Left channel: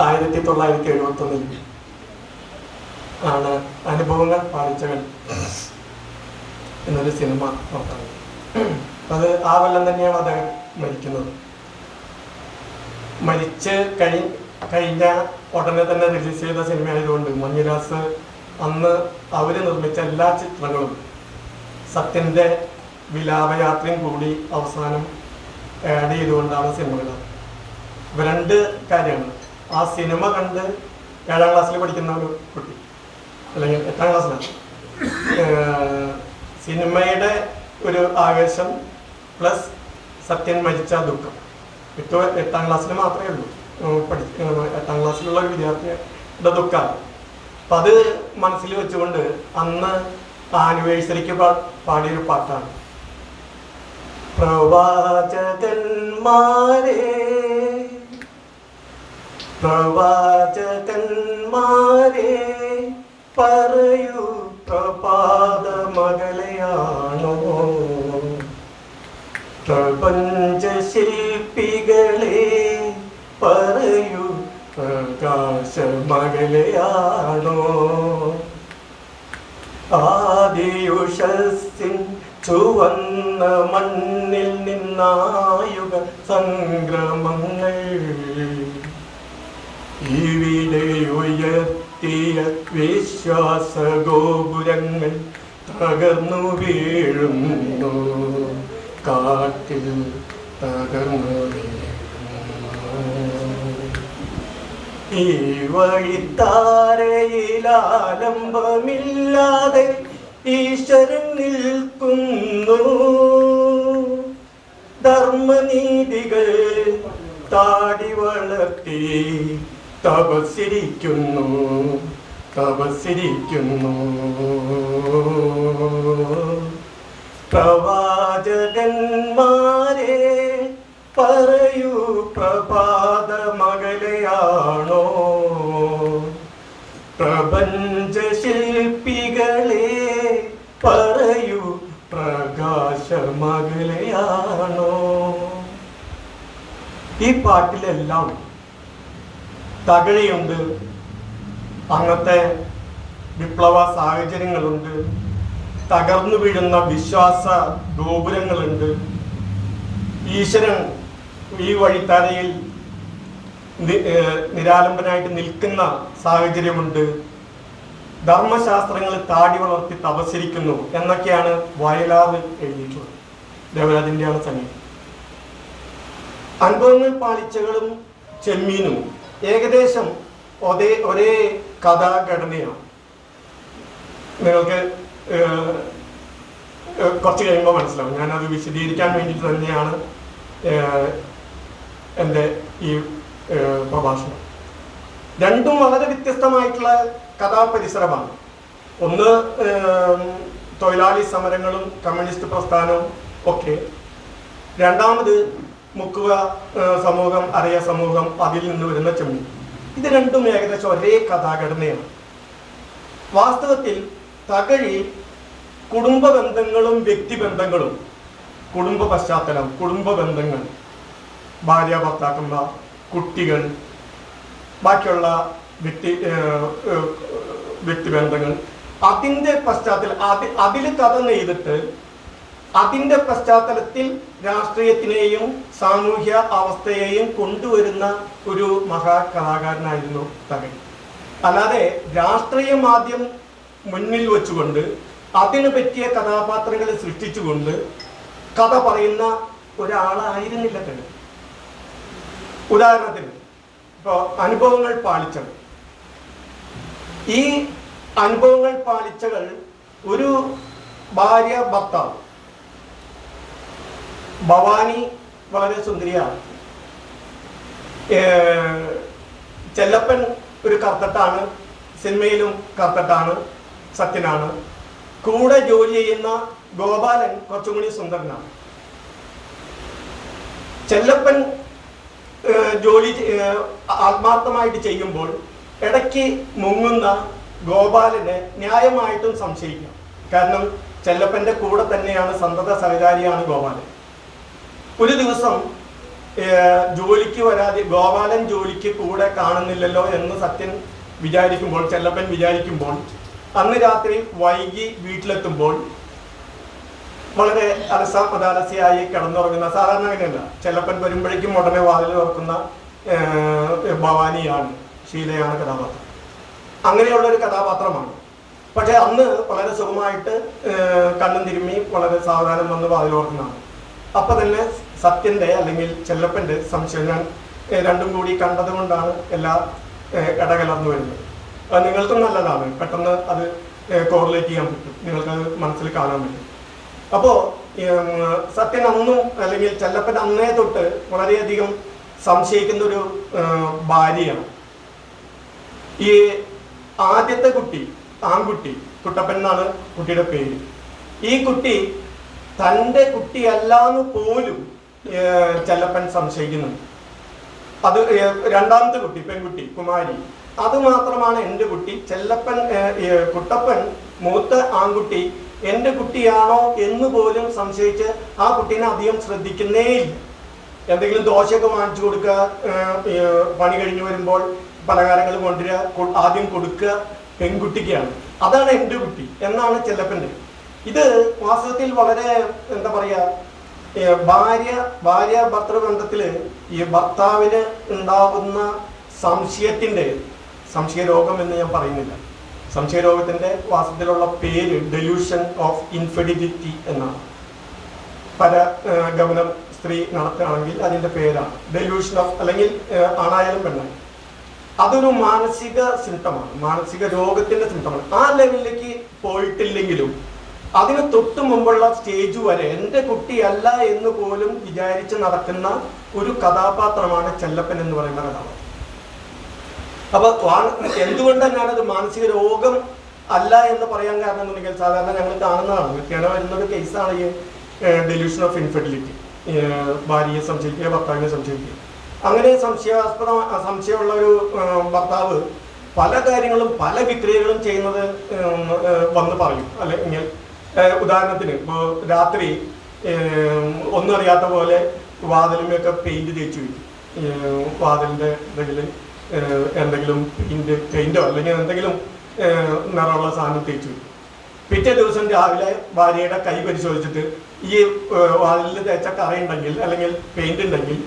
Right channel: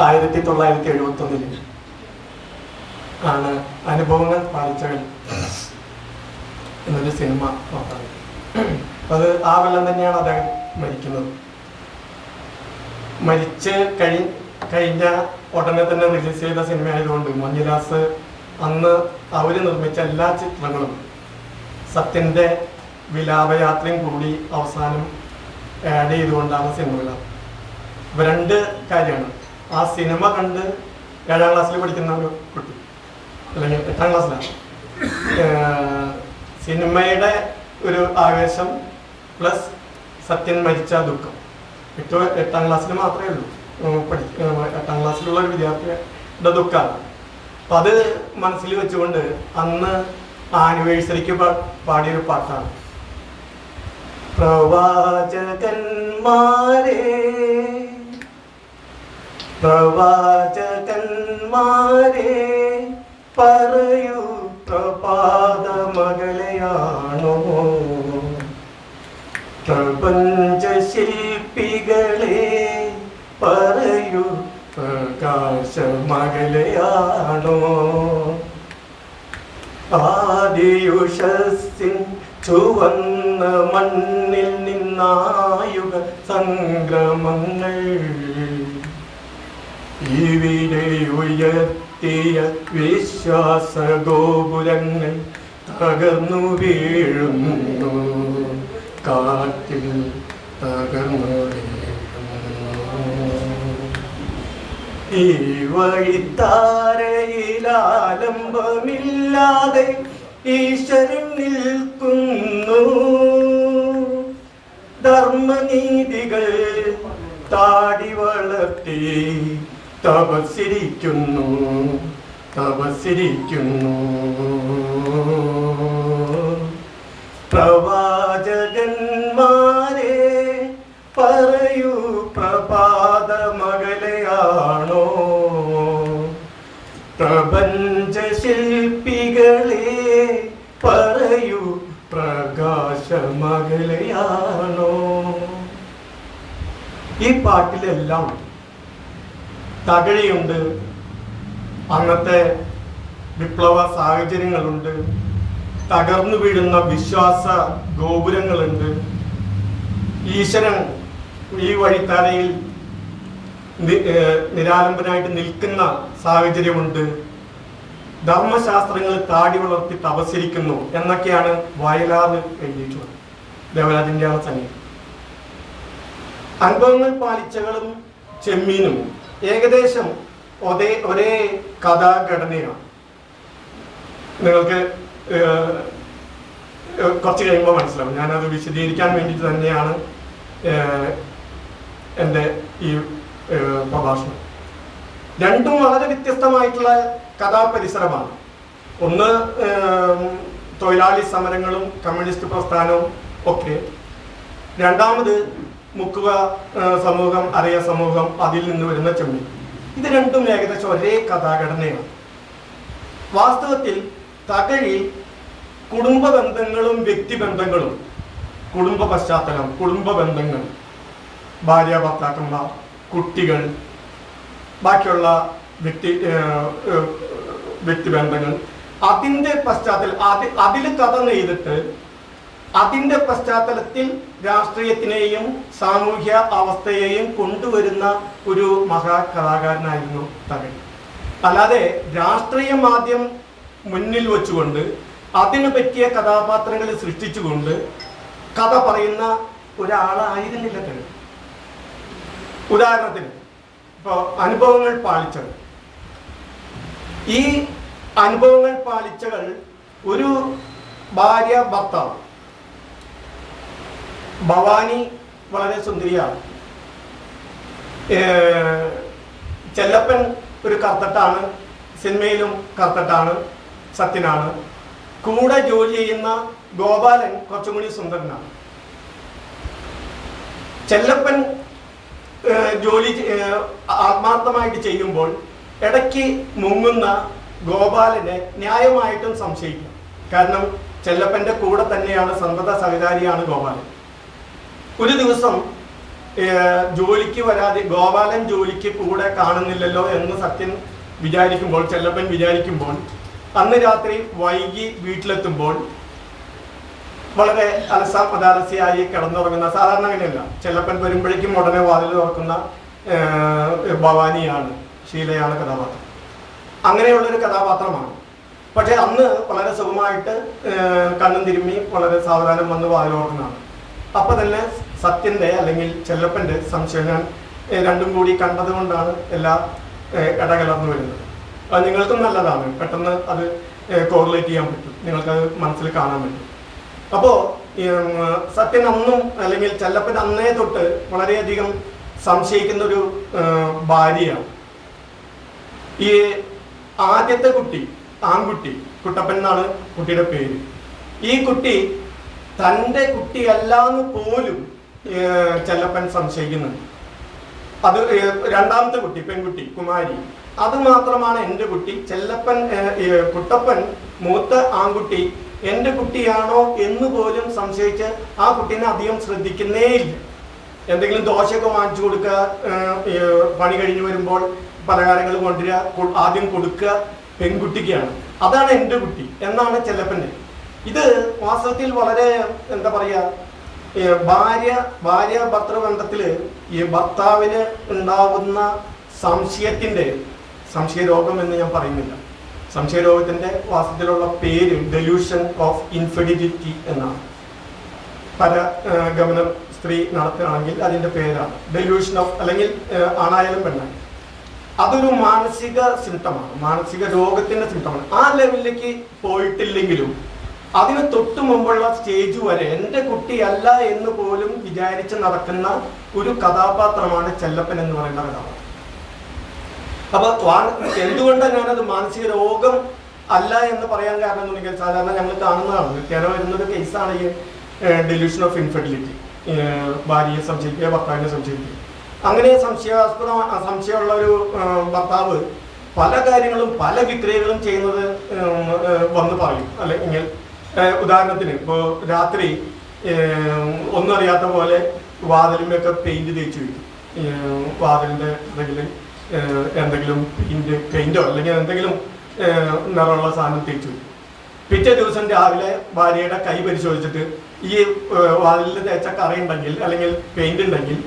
1971 ആണ് അനുഭവങ്ങൾ പാലിച്ചകൾ എന്നൊരു സിനിമ നോക്കുന്നത്. അത് ആ കൊല്ലം തന്നെയാണ് അദ്ദേഹം മരിക്കുന്നത്. മരിച്ച് കഴിഞ്ഞ ഉടനെ തന്നെ റിലീസ് ചെയ്ത സിനിമ ആയതുകൊണ്ട് മഞ്ഞുദാസ് അന്ന് അവർ നിർമ്മിച്ച എല്ലാ ചിത്രങ്ങളും സത്യൻ്റെ വിലാപയാത്രയും കൂടി അവസാനം ആഡ് ചെയ്തുകൊണ്ടാണ് സിനിമകൾ. ഇപ്പം രണ്ട് കാര്യമാണ്. ആ സിനിമ കണ്ട് 7ാം ക്ലാസ്സിൽ പഠിക്കുന്ന ഒരു കുട്ടി, അല്ലെങ്കിൽ 8ാം ക്ലാസ്സിലാണ്, സിനിമയുടെ ഒരു ആവേശം പ്ലസ് സത്യൻ മരിച്ച ദുഃഖം. ഇപ്പോൾ 8ാം ക്ലാസ്സിൽ മാത്രമേ ഉള്ളൂ 8ാം ക്ലാസ്സിലുള്ള ഒരു വിദ്യാർത്ഥിയുടെ ദുഃഖമാണ്. അപ്പം അത് മനസ്സിൽ വെച്ചുകൊണ്ട് അന്ന് ആനിവേഴ്സറിക്ക് പാടിയൊരു പാട്ടാണ്. പ്രവാചകന്മാരെ പറയൂ പ്രഭാതമകലയാണോ, പ്രപഞ്ച ശില്പികളെ പറയൂ പ്രകാശമകലയാണോ, ആദിയുഷസ്സിൻ ചുവന്ന മണ്ണിൽ നിന്നായുഗ സംക്രമങ്ങൾ ഇവിടെ ഉയർത്തിയ വിശ്വാസ ഗോപുരങ്ങൾ തകർന്നു വീഴുന്നു, കാറ്റിൽ തകർന്നു വീഴുന്നു. ഈ വഴിത്താരയിലാലംബമില്ലാതെ ഈശ്വരൻ നിൽക്കുന്നു, ധർമ്മനീതികൾ താടി വളർത്തി തപസ്സിരിക്കുന്നു. പ്രവാചകന്മാരെ പറയൂ പ്രഭാതമകലയാണോ, പ്രപഞ്ച ശില്പികളെ പറയൂ പ്രകാശമകലയാണോ. ഈ പാട്ടിലെല്ലാം തകഴിയുണ്ട്, അന്നത്തെ വിപ്ലവ സാഹചര്യങ്ങളുണ്ട്, തകർന്നു വീഴുന്ന വിശ്വാസ ഗോപുരങ്ങളുണ്ട്, ഈശ്വരൻ ഈ വഴിത്താരയിൽ നിരാലംബനായിട്ട് നിൽക്കുന്ന സാഹചര്യമുണ്ട്, ധർമ്മശാസ്ത്രങ്ങൾ താടി വളർത്തി തപസ്സിരിക്കുന്നു എന്നൊക്കെയാണ് വയലാർ എഴുതിയിട്ടുള്ളത്. ദേവരാജന്റെയാണ് സംഗീതം. അനുഭവങ്ങൾ പാലിച്ചകളും ചെമ്മീനും ഏകദേശം ഒരേ കഥാഘടനയാണ്. നിങ്ങൾക്ക് കുറച്ച് കഴിയുമ്പോൾ മനസ്സിലാവും. ഞാനത് വിശദീകരിക്കാൻ വേണ്ടിയിട്ട് തന്നെയാണ് എൻ്റെ ഈ പ്രഭാഷണം. രണ്ടും വളരെ വ്യത്യസ്തമായിട്ടുള്ള കഥാപരിസരമാണ്. ഒന്ന് തൊഴിലാളി സമരങ്ങളും കമ്മ്യൂണിസ്റ്റ് പ്രസ്ഥാനവും ഒക്കെ, രണ്ടാമത് മുക്കുവ സമൂഹം, അരയ സമൂഹം, അതിൽ നിന്ന് വരുന്ന ചെമ്മീൻ. ഇത് രണ്ടും ഏകദേശം ഒരേ കഥാഘടനയാണ്. വാസ്തവത്തിൽ തകഴി കുടുംബ ബന്ധങ്ങളും വ്യക്തിബന്ധങ്ങളും, കുടുംബ പശ്ചാത്തലം, കുടുംബ ബന്ധങ്ങൾ, ഭാര്യ ഭർത്താക്കന്മാർ, കുട്ടികൾ, ബാക്കിയുള്ള വ്യക്തിബന്ധങ്ങൾ, അതിൻ്റെ പശ്ചാത്തലം അതിൽ കഥ നെയ്തിട്ട് അതിൻ്റെ പശ്ചാത്തലത്തിൽ രാഷ്ട്രീയത്തിനെയും സാമൂഹ്യ അവസ്ഥയെയും കൊണ്ടുവരുന്ന ഒരു മഹാകലാകാരനായിരുന്നു തകഴി. അല്ലാതെ രാഷ്ട്രീയം ആദ്യം മുന്നിൽ വെച്ചുകൊണ്ട് അതിന് പറ്റിയ കഥാപാത്രങ്ങൾ സൃഷ്ടിച്ചുകൊണ്ട് കഥ പറയുന്ന ഒരാളായിരുന്നില്ല തകഴി. ഉദാഹരണത്തിന് ഇപ്പോൾ അനുഭവങ്ങൾ പാലിച്ചകൾ. ഈ അനുഭവങ്ങൾ പാലിച്ചകൾ ഒരു ഭാര്യ ഭർത്താവ്. ഭവാനി വളരെ സുന്ദരിയാണ്. ചെല്ലപ്പൻ ഒരു കർത്തട്ടാണ്, സിനിമയിലും കർത്തട്ടാണ്, സത്യനാണ്. കൂടെ ജോലി ചെയ്യുന്ന ഗോപാലൻ കുറച്ചും കൂടി സുന്ദരനാണ്. ചെല്ലപ്പൻ ജോലി ആത്മാർത്ഥമായിട്ട് ചെയ്യുമ്പോൾ ഇടയ്ക്ക് മുങ്ങുന്ന ഗോപാലനെ ന്യായമായിട്ടും സംശയിക്കും. കാരണം ചെല്ലപ്പൻ്റെ കൂടെ തന്നെയാണ്, സന്തത സഹചാരിയാണ് ഗോപാലൻ. ഒരു ദിവസം ജോലിക്ക് വരാതെ ഗോപാലൻ ജോലിക്ക് കൂടെ കാണുന്നില്ലല്ലോ എന്ന് സത്യൻ വിചാരിക്കുമ്പോൾ, ചെല്ലപ്പൻ വിചാരിക്കുമ്പോൾ, അന്ന് രാത്രി വൈകി വീട്ടിലെത്തുമ്പോൾ വളരെ അലസാമതാലസിയായി കിടന്നുറങ്ങുന്ന, സാധാരണ അങ്ങനെയല്ല, ചെല്ലപ്പൻ വരുമ്പോഴേക്കും ഉടനെ വാതിൽ തുറക്കുന്ന ഭവാനിയാണ്, ഷീലയാണ് കഥാപാത്രം. അങ്ങനെയുള്ളൊരു കഥാപാത്രമാണ്. പക്ഷെ അന്ന് വളരെ സുഖമായിട്ട് കണ്ണും തിരുമ്മി വളരെ സാവധാനം വന്ന് വാതിൽ തുറക്കുന്നതാണ്. അപ്പൊ തന്നെ സത്യന്റെ അല്ലെങ്കിൽ ചെല്ലപ്പന്റെ സംശയം, ഞാൻ രണ്ടും കൂടി കണ്ടത് കൊണ്ടാണ് എല്ലാ ഇടകലർന്നു വരുന്നത്. അത് നിങ്ങൾക്കും നല്ലതാണ്, പെട്ടെന്ന് അത് കോറിലേറ്റ് ചെയ്യാൻ പറ്റും, നിങ്ങൾക്കത് മനസ്സിൽ കാണാൻ പറ്റും. അപ്പോ സത്യൻ അന്നും അല്ലെങ്കിൽ ചെല്ലപ്പൻ അന്നേ തൊട്ട് വളരെയധികം സംശയിക്കുന്ന ഒരു ഭാര്യയാണ്. ഈ ആദ്യത്തെ കുട്ടി, ആൺകുട്ടി, കുട്ടപ്പൻ എന്നാണ് കുട്ടിയുടെ പേര്. ഈ കുട്ടി തൻ്റെ കുട്ടിയല്ലാന്ന് പോലും ചെല്ലപ്പൻ സംശയിക്കുന്നുണ്ട്. അത് രണ്ടാമത്തെ കുട്ടി, പെൺകുട്ടി കുമാരി, അത് മാത്രമാണ് എൻ്റെ കുട്ടി. ചെല്ലപ്പൻ കുട്ടപ്പൻ മൂത്ത ആൺകുട്ടി എൻ്റെ കുട്ടിയാണോ എന്ന് പോലും സംശയിച്ച് ആ കുട്ടീനെ അധികം ശ്രദ്ധിക്കുന്നേയില്ല. എന്തെങ്കിലും ദോശയൊക്കെ വാങ്ങിച്ചു കൊടുക്കുക, പണി കഴിഞ്ഞ് വരുമ്പോൾ പലഹാരങ്ങൾ കൊണ്ടുവരിക, ആദ്യം കൊടുക്കുക പെൺകുട്ടിക്കാണ്. അതാണ് എൻ്റെ കുട്ടി എന്നാണ് ചെല്ലപ്പൻ്റെ. ഇത് വാസ്തവത്തിൽ വളരെ എന്താ പറയുക, ഭാര്യ ഭർത്തൃബന്ധത്തിൽ ഈ ഭർത്താവിന് ഉണ്ടാകുന്ന സംശയരോഗം എന്ന് ഞാൻ പറയുന്നില്ല. സംശയരോഗത്തിന്റെ വാസ്തവത്തിലുള്ള പേര് ഡെലൂഷൻ ഓഫ് ഇൻഫെർട്ടിലിറ്റി എന്നാണ്. പരഗമനം സ്ത്രീ നടത്തുകയാണെങ്കിൽ അതിന്റെ പേരാണ് ഡെലൂഷൻ ഓഫ്, അല്ലെങ്കിൽ ആണായാലും പെണ്ണായാലും. അതൊരു മാനസിക സിംറ്റമാണ്, മാനസിക രോഗത്തിന്റെ സിംറ്റമാണ്. ആ ലെവലിലേക്ക് പോയിട്ടില്ലെങ്കിലും അതിന് തൊട്ടു മുമ്പുള്ള സ്റ്റേജ് വരെ എൻ്റെ കുട്ടിയല്ല എന്ന് പോലും വിചാരിച്ച് നടക്കുന്ന ഒരു കഥാപാത്രമാണ് ചെല്ലപ്പൻ എന്ന് പറയുന്ന കഥാപാത്രം. അപ്പൊ എന്തുകൊണ്ടാണ് ഞാനത് മാനസിക രോഗം അല്ല എന്ന് പറയാൻ കാരണം എന്നുണ്ടെങ്കിൽ, സാധാരണ ഞങ്ങൾ കാണുന്നതാണ്, നിത്യേന വരുന്നൊരു കേസാണ് ഈ ഡെലൂഷൻ ഓഫ് ഇൻഫെർട്ടിലിറ്റി. ഭാര്യയെ സംശയിക്കുക, ഭർത്താവിനെ സംശയിക്കുക. അങ്ങനെ സംശയമുള്ള ഒരു ഭർത്താവ് പല കാര്യങ്ങളും പല വിക്രിയകളും ചെയ്യുന്നത് വന്ന് പറയും. അല്ലെങ്കിൽ ഉദാഹരണത്തിന് ഇപ്പോൾ രാത്രി ഒന്നും അറിയാത്ത പോലെ വാതിലുമൊക്കെ പെയിന്റ് തേച്ച് വയ്ക്കും. വാതിലിന്റെ എന്തെങ്കിലും പെയിന്റോ അല്ലെങ്കിൽ എന്തെങ്കിലും നിറമുള്ള സാധനം തേച്ച് വയ്ക്കും. പിറ്റേ ദിവസം രാവിലെ ഭാര്യയുടെ കൈ പരിശോധിച്ചിട്ട് ഈ വാതിലിൽ തേച്ച കറയുണ്ടെങ്കിൽ അല്ലെങ്കിൽ പെയിന്റ് ഉണ്ടെങ്കിൽ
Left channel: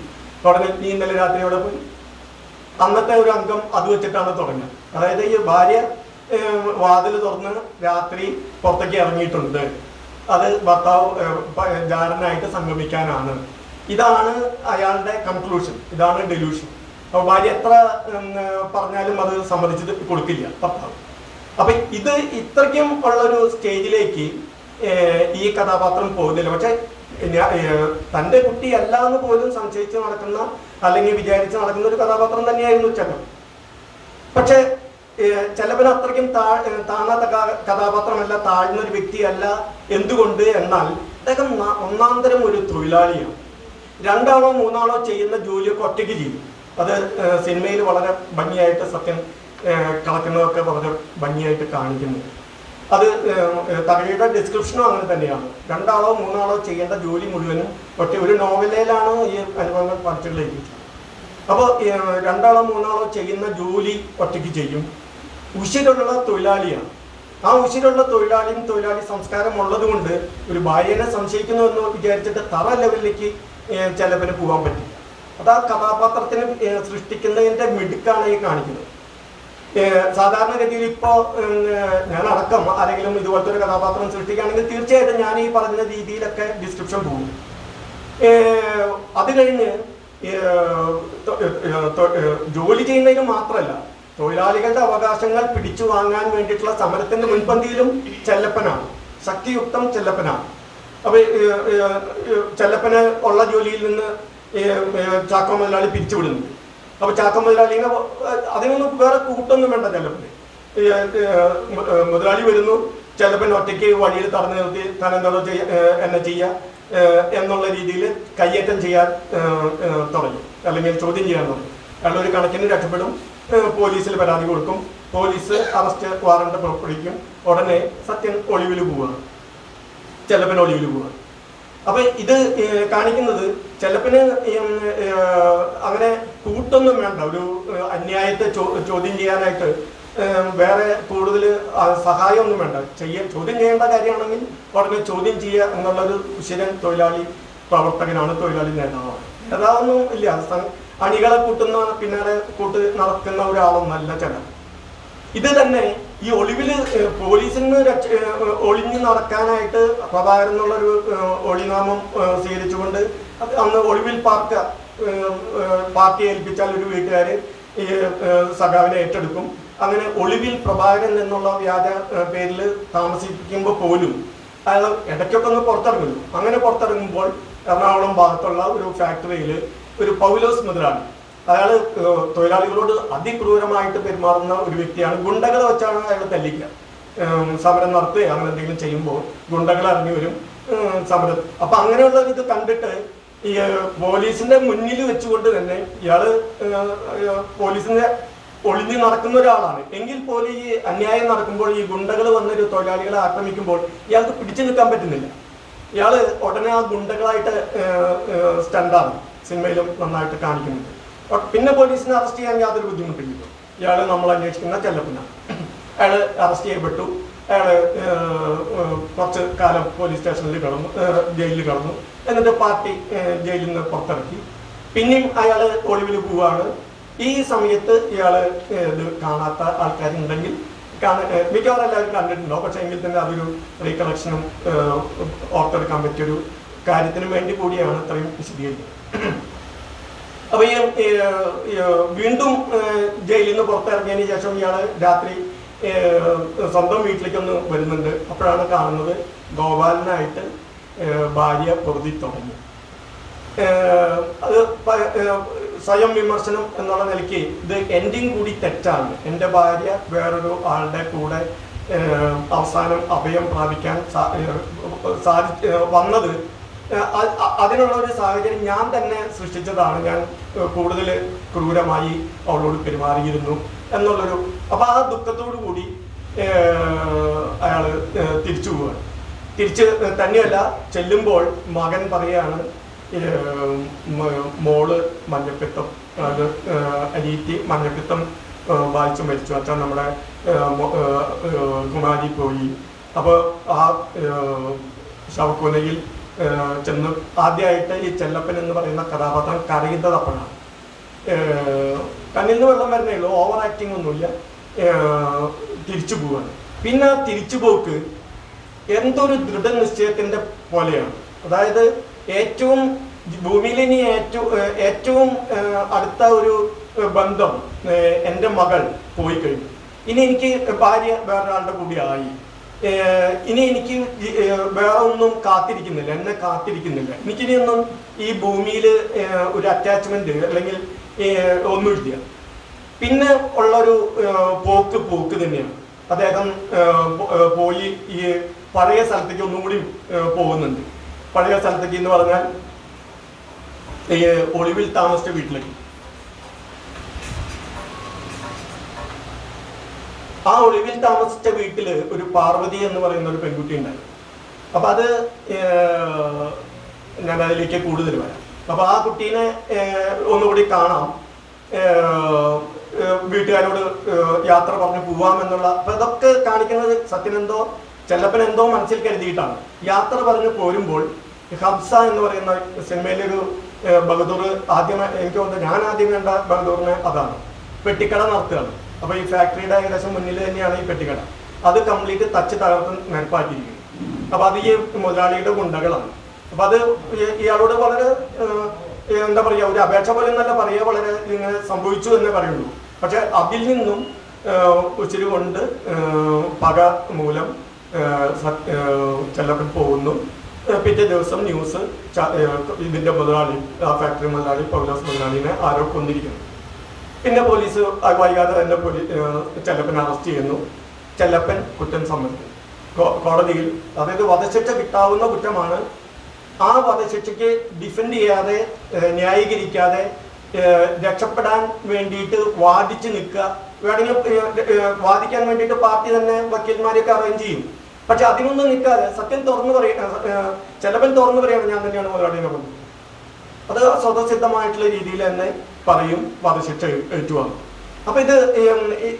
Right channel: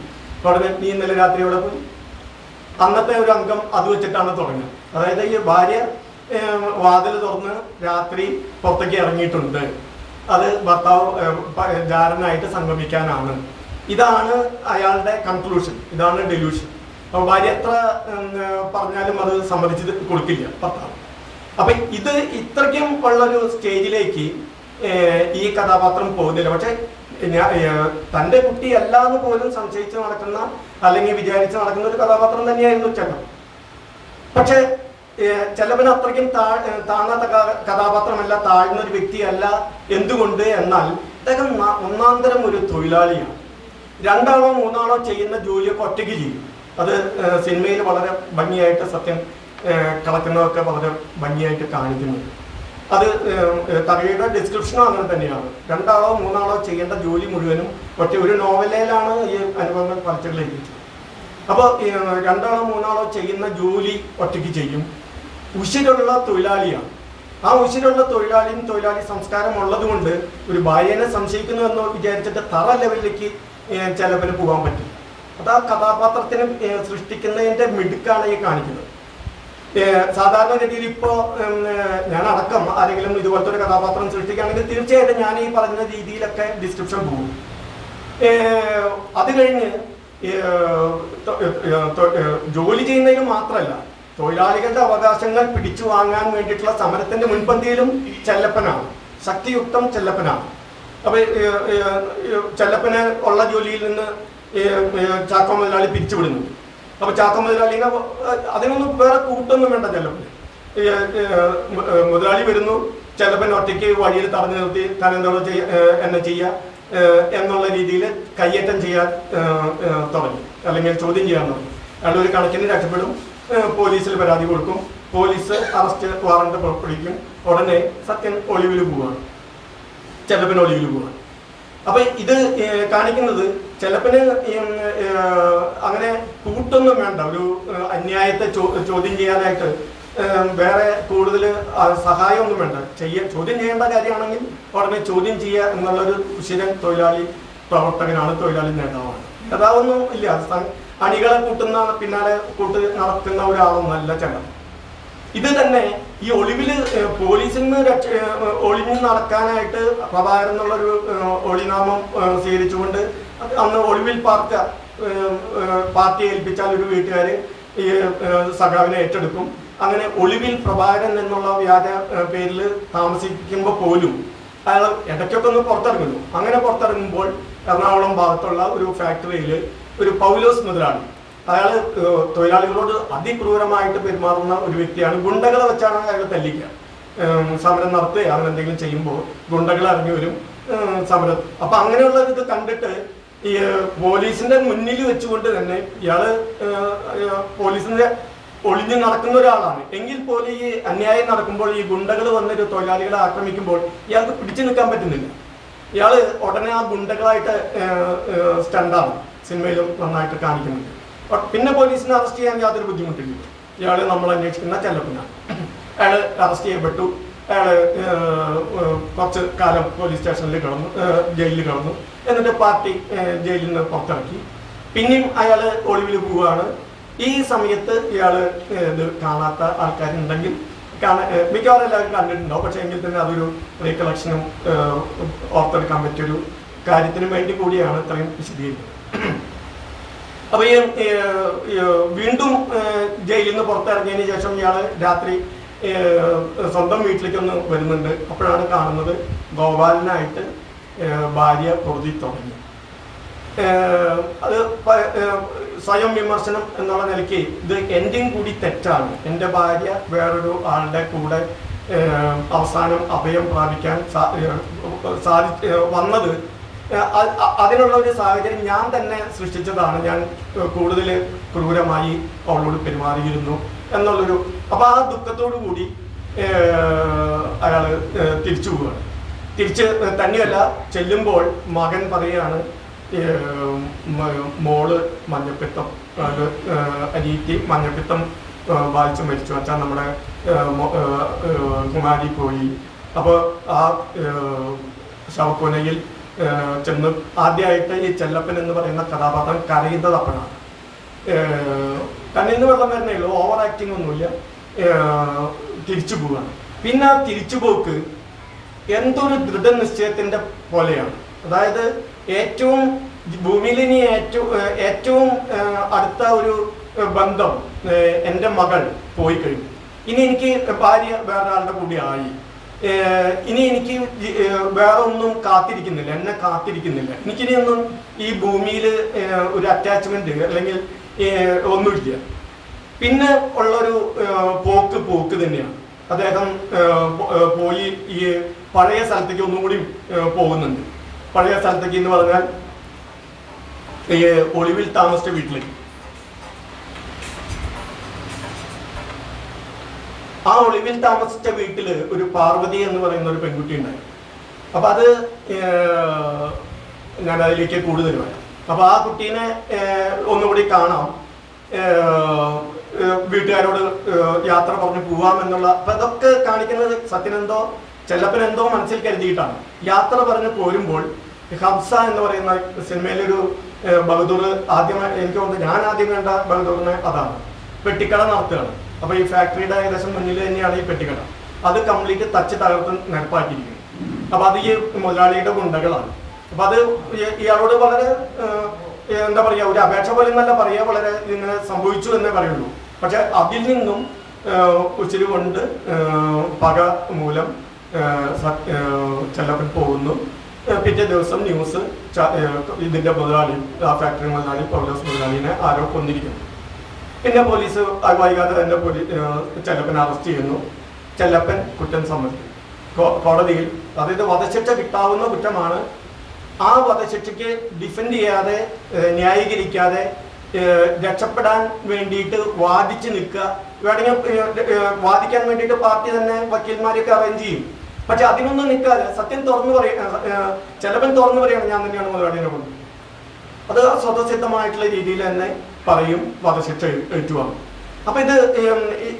ഉടനെ നീ ഇന്നലെ രാത്രി അവിടെ പോയി. അന്നത്തെ ഒരു അംഗം അത് വെച്ചിട്ടാണ് തുടങ്ങുക. അതായത് ഈ ഭാര്യ വാതിൽ തുറന്ന് രാത്രി പുറത്തേക്ക് ഇറങ്ങിയിട്ടുണ്ട്, അത് ഭർത്താവ് ജാരനായിട്ട് സംഗമിക്കാനാണ്. ഇതാണ് അയാളുടെ കൺക്ലൂഷൻ, ഇതാണ് ഡെലൂഷൻ. അപ്പോൾ ഭാര്യ എത്ര പറഞ്ഞാലും അത് സമ്മതിച്ച് കൊടുക്കില്ല ഭർത്താവ്. അപ്പൊ ഇത് ഇത്രയ്ക്കും ഉള്ളൊരു സ്റ്റേജിലേക്ക് ഈ കഥാപാത്രം പോകുന്നില്ല. പക്ഷെ തൻ്റെ കുട്ടിയല്ല എന്ന് പോലും സംശയിച്ച് നടക്കുന്ന അല്ലെങ്കിൽ വിചാരിച്ച് നടക്കുന്ന ഒരു കഥാപാത്രം തന്നെയായിരുന്നു ചെല്ലപ്പൻ. പക്ഷെ ചെല്ലപ്പൻ അത്രയ്ക്കും താങ്ങാത്ത കഥാപാത്രമല്ല, താഴ്ന്നൊരു വ്യക്തിയല്ല. എന്തുകൊണ്ട് എന്നാൽ അദ്ദേഹം ഒന്നാന്തരം ഒരു തൊഴിലാളിയാണ്. രണ്ടാളോ മൂന്നാളോ ചെയ്യുന്ന ജോലിയൊക്കെ ഒറ്റയ്ക്ക് ചെയ്യും. അത് സിനിമയിൽ വളരെ ഭംഗിയായിട്ട് സത്യം കളക്കുന്നതൊക്കെ വളരെ ഭംഗിയായിട്ട് കാണിക്കുന്നു. അത് കഥയുടെ ഡിസ്ക്രിപ്ഷനും അങ്ങനെ തന്നെയാണ്. രണ്ടാളോ മൂന്നാളോ ചെയ്യേണ്ട ജോലി മുഴുവനും ഒരു നോവലിലാണ് ഈ അനുഭവങ്ങൾ പറിച്ചുകളിലേക്ക്. അപ്പോൾ രണ്ടാളോ മൂന്നാളോ ചെയ്യുന്ന ജോലി ഒറ്റയ്ക്ക് ചെയ്യും. ഉശിരുള്ള തൊഴിലാളിയാണ്. ആ ഉശിരുള്ള തൊഴിലാളി സംസ്കാരം ഉള്ളത് കൊണ്ട് ഒരു ഭാര്യനെ സംശയിക്കുന്നു എന്ന് വിചാരിച്ചിട്ട് തറ ലെവലിലേക്ക് ചെലപ്പിന് പോകാൻ പറ്റും. അത് ആ കഥാപാത്രത്തിന് സൃഷ്ടിക്കുന്നതിൻ്റെ മിടുക്കാണ് ഈ കാണിക്കുന്നത്. സാധാരണഗതിയിൽ ഇപ്പോൾ ഞാൻ അടക്കം ആരെങ്കിലും ഇതുപോലത്തെ ഒരു കഥാപാത്രം സൃഷ്ടിക്കുകയാണെങ്കിൽ തീർച്ചയായിട്ടും ഞാൻ ഈ പറഞ്ഞ രീതിയിലൊക്കെ ഡിസ്ക്രിപ്ഷൻ പോകും. അത് കഴിഞ്ഞ് ജോലി ചെയ്യുന്നതിന് മാത്രമല്ല, തൊഴിലാളികളുടെ അവകാശങ്ങൾ പിടിച്ചു വാങ്ങാൻ വേണ്ടിയിട്ടുള്ള സമരത്തിന്റെ മുൻപന്തിയിലും ചെല്ലപ്പനാണ്, ശക്തിയുക്തം ചെല്ലപ്പനാണ്. അപ്പൊ ചെല്ലപ്പന് ഉള്ള ജോലിയിൽ നിന്ന് ചാക്കോ മുതലാളി പിരിച്ചുവിടുന്നു. അപ്പൊ ചാക്കോ മുതലാളിനെ അതിനൊന്നും വേറെ കൂട്ടൊന്നും വേണ്ട. ചെല്ലപ്പന് മുതലാളി വരുന്നു, ചെല്ലപ്പൻ ഒറ്റയ്ക്ക് വഴിയിൽ തടഞ്ഞു നിർത്തി താൻ എന്തോടോ എന്നെ ചെയ്യുക എന്നുള്ള രീതിയിൽ കയ്യേറ്റം ചെയ്യാൻ തുടങ്ങി, അല്ലെങ്കിൽ ചോദ്യം ചെയ്യാൻ തുടങ്ങി. അയാൾ ഒരു കണക്കിന് രക്ഷപ്പെടും, പോലീസിൽ പരാതി കൊടുക്കും, പോലീസ് അറസ്റ്റ് വാറണ്ട് പുറപ്പെടുവിക്കും. ഉടനെ സത്യൻ ഒളിവിൽ പോവാണ്, ചെല്ലപ്പൻ ഒളിവിൽ പോവാണ്. അപ്പൊ ഇത് കാണിക്കുന്നത് ചെലപ്പന് അങ്ങനെ കൂട്ടൊന്നും വേണ്ട ഒരു അന്യായത്തെ ചോദ്യം ചെയ്യാനായിട്ട്. വേറെ കൂടുതൽ സഹായമൊന്നും വേണ്ട. ചോദ്യം ചെയ്യേണ്ട കാര്യമാണെങ്കിൽ ഉടനെ ചോദ്യം ചെയ്യുക എന്നുള്ളൊരു സ്ഥിരം തൊഴിലാളി പ്രവർത്തകനാണ്, തൊഴിലാളി നേതാവാണ്. നേതാവൊന്നും ഇല്ല, അണികളെ കൂട്ടുന്ന പിന്നാലെ നടത്തുന്ന ഒരാളൊന്നല്ല ചെലവ്. ഇത് തന്നെ ഈ ഒളിവില് പോലീസിൽ നിന്ന് ഒളിഞ്ഞു നടക്കാനായിട്ട് പ്രഭാകരൻ എന്നുള്ളൊരു ഒളിനാമം സ്വീകരിച്ചുകൊണ്ട് അന്ന് ഒളിവിൽ പാർട്ടി ഏൽപ്പിച്ചാൽ ഒരു വീട്ടുകാര് ഈ സഖാവിനെ ഏറ്റെടുക്കും. അങ്ങനെ ഒളിവിൽ പ്രഭാകരൻ എന്നുള്ള വ്യാജ പേരിൽ താമസിക്കുമ്പോൾ പോലും അയാൾ ഇടയ്ക്കൊക്കെ ഒന്ന് പുറത്തിറങ്ങുന്നു. അങ്ങനെ പുറത്തിറങ്ങുമ്പോൾ എറണാകുളം ഭാഗത്തുള്ള ഒരു ഫാക്ടറിയിൽ ഒരു പൗലോസ് മുതലാളി, അയാൾ തൊഴിലാളികളോട് അതിക്രൂരമായിട്ട് പെരുമാറുന്ന ഒരു വ്യക്തിയാണ്. ഗുണ്ടകളെ വെച്ചാണ് അയാൾ തല്ലിക്കുക. സമരം നടത്തുക അങ്ങനെ എന്തെങ്കിലും ചെയ്യുമ്പോൾ ഗുണ്ടകൾ ഇറങ്ങി വരും സമരം. അപ്പൊ അങ്ങനെയുള്ള ഇത് കണ്ടിട്ട് ഈ പോലീസിന്റെ മുന്നിൽ വെച്ചുകൊണ്ട് തന്നെ ഇയാള് പോലീസിന്റെ ഒളിഞ്ഞു നടക്കുന്ന ഒരാളാണ്. എങ്കിൽ പോലും ഈ അന്യായം നടക്കുമ്പോൾ ഈ ഗുണ്ടകൾ വന്നൊരു തൊഴിലാളികളെ ആക്രമിക്കുമ്പോൾ ഇയാൾക്ക് പിടിച്ചു നിൽക്കാൻ പറ്റുന്നില്ല. ഇയാള് ഉടനെ ആ ഗുണ്ടകളായിട്ട് സ്റ്റണ്ടാണ് സിനിമയിലും നന്നായിട്ട് കാണിക്കുന്നുണ്ട്. പിന്നെ പോലീസിനെ അറസ്റ്റ് ചെയ്യാൻ യാതൊരു ബുദ്ധിമുട്ടില്ല. ഇയാള് നമ്മൾ അന്വേഷിക്കുന്ന ചെല്ലപ്പനാണ്. അയാള് അറസ്റ്റ് ചെയ്യപ്പെട്ടു. അയാള് കുറച്ച് കാലം പോലീസ് സ്റ്റേഷനിൽ കിടന്നു, ജയിലിൽ കിടന്നു. എന്നിട്ട് പാർട്ടി ജയിലിൽ നിന്ന് പുറത്തിറക്കി. പിന്നെയും അയാള് ഒളിവിൽ പോവുകയാണ്. ഈ സമയത്ത് ഇയാള് ഇത് കാണാത്ത ആൾക്കാരുണ്ടെങ്കിൽ മിക്കവാറും എല്ലാവരും കണ്ടിട്ടുണ്ടോ, പക്ഷെ എങ്കിൽ തന്നെ അതൊരു റീകളക്ഷനും ഓർത്തെടുക്കാൻ പറ്റിയൊരു കാര്യത്തിന് വേണ്ടി കൂടിയാണ് ഇത്രയും വിശദീകരിക്കുന്നത്. അപ്പൊ ഈ വീണ്ടും ജയിലിൽ നിന്ന് പുറത്തിറങ്ങിയതിന് ശേഷം ഇയാള് രാത്രി സ്വന്തം വീട്ടിലേക്കൊന്ന് വരുന്നുണ്ട്. അപ്പോഴാണ് കാണുന്നത് ഗോപാലനായിട്ട് ഭാര്യ പൊറുതി തുടങ്ങി. അത് സ്വയം വിമർശനം എന്നുള്ള നിലയ്ക്ക് ഇത് എൻഡിങ് കൂടി തെറ്റാണ്. എൻ്റെ ഭാര്യ വേറൊരു ആളുടെ കൂടെ അവസാനം അഭയം പ്രാപിക്കാൻ വന്നത് അതിനുള്ള ഒരു സാഹചര്യം ഞാൻ തന്നെ സൃഷ്ടിച്ചതാണ്. ഞാൻ കൂടുതൽ ക്രൂരമായി അവളോട് പെരുമാറിയിരുന്നു എന്നുള്ളൊരു അപ്പൊ ആ ദുഃഖത്തോടു കൂടി അയാള് തിരിച്ചു പോവുകയാണ്. തിരിച്ച് തന്നെയല്ല, ചെല്ലുമ്പോൾ മകൻ പറയാണ് മോള് മഞ്ഞപ്പിത്തം അരീറ്റി മഞ്ഞപ്പിത്തം ബാധിച്ചു മരിച്ചു, അച്ഛൻ നമ്മുടെ കുമാരി പോയി. അപ്പോൾ ആ ശവക്കൊലയിൽ ചെന്ന് ആദ്യമായിട്ട് ഈ ചെല്ലപ്പൻ എന്ന് പറയുന്ന കഥാപാത്രം കരയുന്നത് അപ്പനാണ്. കണ്ണിൽ നിന്ന് വെള്ളം വരുന്നേ ഉള്ളൂ, ഓവർ ആക്ടിങ് ഒന്നുമില്ല. തിരിച്ചു പോവാണ്. പിന്നെ ആ തിരിച്ചുപോക്ക് എന്തൊരു ദൃഢനിശ്ചയത്തിന്റെ പോലെയാണ്. അതായത് ഏറ്റവും ഭൂമിയിൽ ഇനി ഏറ്റവും അടുത്ത ഒരു ബന്ധം എൻ്റെ മകൾ പോയി കഴിഞ്ഞു. ഇനി എനിക്ക് ഭാര്യ വേറൊരാളുടെ കൂടി ആയി. ഇനി എനിക്ക് വേറെ ഒന്നും കാത്തിരിക്കുന്നില്ല, എന്നെ കാത്തിരിക്കുന്നില്ല. എനിക്കിനി ഒന്നും ഈ ഭൂമിയിൽ ഒരു അറ്റാച്ച്മെന്റ് അല്ലെങ്കിൽ ഒന്നുമില്ല. പിന്നെ ഉള്ളൊരു പോക്ക് തന്നെയാണ്. അദ്ദേഹം പോയി ഈ പഴയ സ്ഥലത്തേക്ക് ഒന്നും കൂടി പോകുന്നുണ്ട്. പഴയ സ്ഥലത്തേക്ക് എന്ന് പറഞ്ഞാൽ ഒളിവിൽ താമസിച്ച വീട്ടിലേക്ക്. ആ ഒളിവിൽ താമസിച്ച വീട്ടില് ഒരു പാർവതി എന്ന് പറയുന്ന ഒരു പെൺകുട്ടി ഉണ്ടായിരുന്നു. അപ്പൊ അത് ഞാൻ അതിലേക്ക് കൂടുതൽ വരാം. അപ്പൊ ആ കുട്ടീനെ ഒന്നുകൂടി കാണാം, വീട്ടുകാരോട് യാത്ര പറഞ്ഞ് പോവാമെന്നുള്ള. അപ്പൊ അതൊക്കെ കാണിക്കുന്നത് സത്യനെന്തോ ചെല്ലപ്പനെന്തോ മനസ്സിൽ കരുതിയിട്ടാണ്. യാത്ര പറഞ്ഞ് പോരുമ്പോൾ ഹംസ എന്ന് പറയുന്ന സിനിമയിലൊരു ബഹദൂർ എനിക്ക് തോന്നുന്നു ഞാൻ ആദ്യം കണ്ട ബഹദൂറിനെ അതാണ്. പെട്ടിക്കട നടത്തുകയാണ്. അപ്പൊ ഈ ഫാക്ടറിയുടെ ഏകദേശം മുന്നിൽ തന്നെയാണ് ഈ പെട്ടിക്കട. അത് കംപ്ലീറ്റ് തച്ച് തകർത്ത് നിരപ്പാക്കിയിരിക്കുന്നു. അപ്പൊ അത് ഈ മുതലാളിയുടെ ഗുണ്ടകളാണ്. അപ്പൊ അത് ഇയാളോട് വളരെ എന്താ പറയാ, ഒരു അപേക്ഷ പോലെ എന്നല്ല പറയാ, വളരെ ഇങ്ങനെ സംഭവിച്ചു എന്നേ പറയുള്ളൂ. പക്ഷെ അതിൽ നിന്നും ഉച്ചിരി കൊണ്ട് പക മൂലം ചെല്ലപ്പൻ പോകുന്നു. പിറ്റേ ദിവസം ന്യൂസ് ഇതിന്റെ മുതലാളി, ആ ഫാക്ടറി മുതലാളി പൗലോസ് മുതലാളിനെ ആരോ കൊന്നിരിക്കുന്നു. പിന്നെ പോലീസ് വൈകാതെ തന്നെ ചെല്ലപ്പൻ അറസ്റ്റ് ചെയ്യുന്നു. ചെല്ലപ്പൻ കുറ്റം സമ്മതിക്കും കോടതിയിൽ. അതായത് വധശിക്ഷ കിട്ടാവുന്ന കുറ്റമാണ്. ആ വധശിക്ഷയ്ക്ക് ഡിഫെൻഡ് ചെയ്യാതെ, ന്യായീകരിക്കാതെ രക്ഷപ്പെടാൻ വേണ്ടിയിട്ട് വാദിച്ച് നിൽക്കുക. വേണമെങ്കിൽ വാദിക്കാൻ വേണ്ടിയിട്ട് പാർട്ടി തന്നെ വക്കീൽമാരെയൊക്കെ അറേഞ്ച് ചെയ്യും. പക്ഷെ അതിനൊന്നും നിൽക്കാതെ സത്യം തുറന്നു പറയാ, ചെലവൻ തുറന്നു പറയണം ഞാൻ തന്നെയാണ് മുതലാളിനെ കൊണ്ടത്. അത് സ്വതസിദ്ധമായിട്ടുള്ള രീതിയിൽ തന്നെ പറയും, വധശിക്ഷ ഏറ്റുവാങ്ങും. അപ്പൊ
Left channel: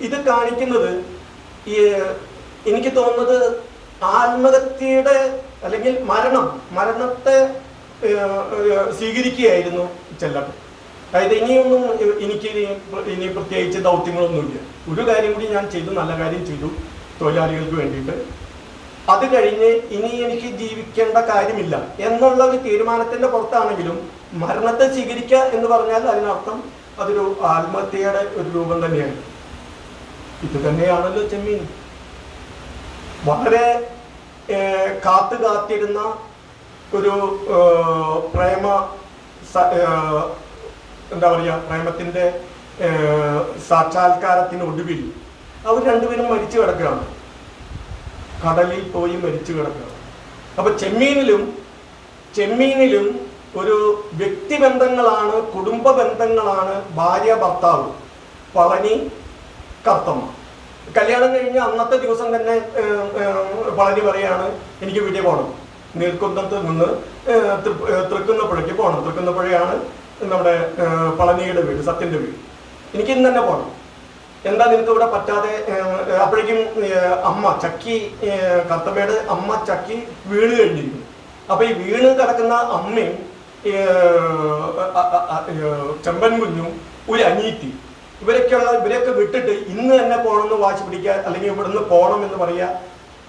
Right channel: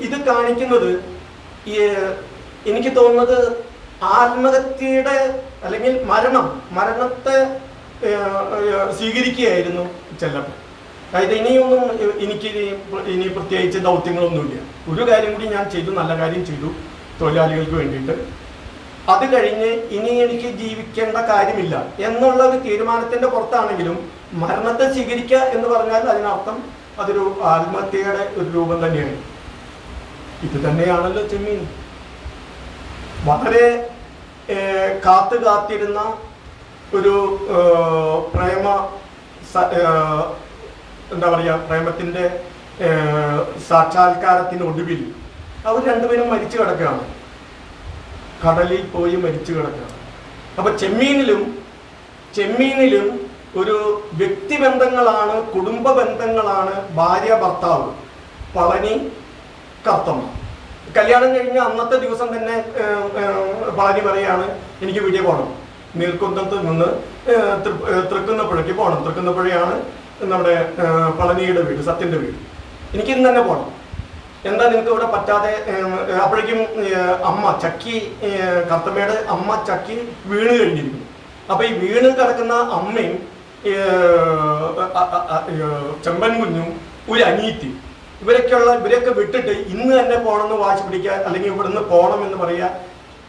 ഇത് കാണിക്കുന്നത് എനിക്ക് തോന്നുന്നത് ആത്മഹത്യയുടെ അല്ലെങ്കിൽ മരണത്തെ സ്വീകരിക്കുകയായിരുന്നു ചെല്ലപ്പൻ. അതായത് ഇനി പ്രത്യേകിച്ച് ദൗത്യങ്ങളൊന്നുമില്ല, ഒരു കാര്യം കൂടി ഞാൻ ചെയ്തു, നല്ല കാര്യം ചെയ്തു തൊഴിലാളികൾക്ക് വേണ്ടിയിട്ട്, അത് കഴിഞ്ഞ് ഇനി എനിക്ക് ജീവിക്കേണ്ട കാര്യമില്ല എന്നുള്ള ഒരു തീരുമാനത്തിന്റെ പുറത്താണെങ്കിലും മരണത്തെ സ്വീകരിക്കുക എന്ന് പറഞ്ഞാൽ അതിനർത്ഥം അതൊരു ആത്മഹത്യയുടെ ഒരു രൂപം തന്നെയാണ്. ഇത് തന്നെയാണല്ലോ ചെമ്മീൻ. വളരെ കാത്തിരുന്ന ഒരു പ്രേമത്തിന്റെ സാക്ഷാത്കാരത്തിനൊടുവിൽ അവർ രണ്ടുപേരും മരിച്ചു കിടക്കുകയാണ്, കടലിൽ പോയി മരിച്ചു കിടക്കുകയാണ്. അപ്പൊ ചെമ്മീനിലും ഒരു വ്യക്തിബന്ധങ്ങളാണ്, കുടുംബ ബന്ധങ്ങളാണ്, ഭാര്യ ഭർത്താവ്, പളനി കർത്തമ്മ. കല്യാണം കഴിഞ്ഞ അന്നത്തെ ദിവസം തന്നെ പളനി പറയാണ് എനിക്ക് വീട്ടിൽ പോകണം, നീർക്കുന്നത്ത് നിന്ന് തൃക്കുന്നപ്പുഴയ്ക്ക് പോകണം. തൃക്കുന്നപ്പുഴയാണ് നമ്മുടെ പളനിയുടെ വീട്, സത്യന്റെ വീട്. എനിക്ക് ഇന്ന് തന്നെ പോകണം. എന്താ നിനക്ക് ഇവിടെ പറ്റാതെ? അപ്പോഴേക്കും അമ്മ ചക്കി, കർത്തമ്മയുടെ അമ്മ ചക്കി വീണ് കഴിഞ്ഞിരിക്കുന്നു. അപ്പൊ ഈ വീണ് കിടക്കുന്ന അമ്മയും ചെമ്പൻ കുഞ്ഞും ഒരു അനീത്തി, ഇവരൊക്കെ വിട്ടിട്ട് ഇന്ന് തന്നെ പോകണമെന്ന് വാശി പിടിക്കുക, അല്ലെങ്കിൽ ഇവിടുന്ന് പോകണം എന്ന് പറയുക.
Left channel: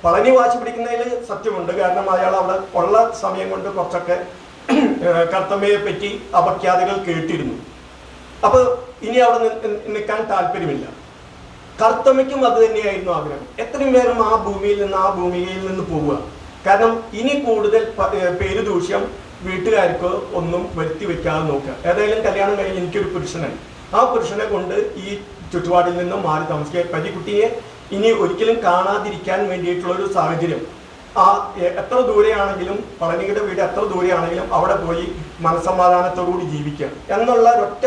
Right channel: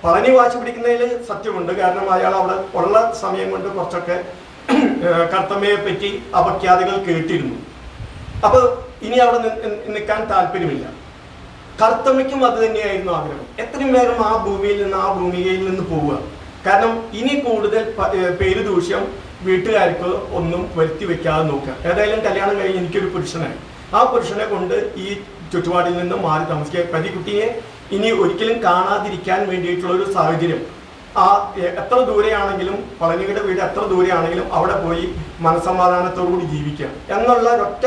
പളനി വാശി പിടിക്കുന്നതിൽ സത്യമുണ്ട്, കാരണം അയാൾ അവിടെ ഉള്ള സമയം കൊണ്ട് കുറച്ചൊക്കെ കർത്തമ്മയെ പറ്റി അപഖ്യാതികൾ കേട്ടിരുന്നു. അപ്പൊ ഇനി അവിടെ നിൽക്കാൻ താല്പര്യമില്ല. കർത്തമ്മയ്ക്കും അത് തന്നെയായിരുന്നു ആഗ്രഹം, എത്രയും പേരും ആ ഭൂമികയിൽ നിന്ന് പോവുക. കാരണം ഇനി കൂടുതൽ പേരുദൂഷ്യം വീട്ടുകാർക്ക് ഒന്നും വരുത്തി വെക്കാതെ നോക്കുക. ഏതായാലും കല്യാണം കഴിഞ്ഞ് എനിക്കൊരു പുരുഷനായി, ആ പുരുഷനെ കൊണ്ട് ഈ ചുറ്റുപാടിൽ നിന്നും മാറി താമസിക്കുക. പതിക്കുട്ടിയെ ഇനി ഒരിക്കലും കാണാതിരിക്കാൻ വേണ്ടിയിട്ടുള്ള ഒരു സാഹചര്യം, എത്ര ദൂരെയാണെങ്കിലും, പളനിയുടെ വീട് എത്ര ദൂരെയാണെങ്കിലും അവിടെ പോയി മനസ്സമാധാനത്തോടുകൂടി ജീവിക്കുക എന്നുള്ള ഒരൊറ്റ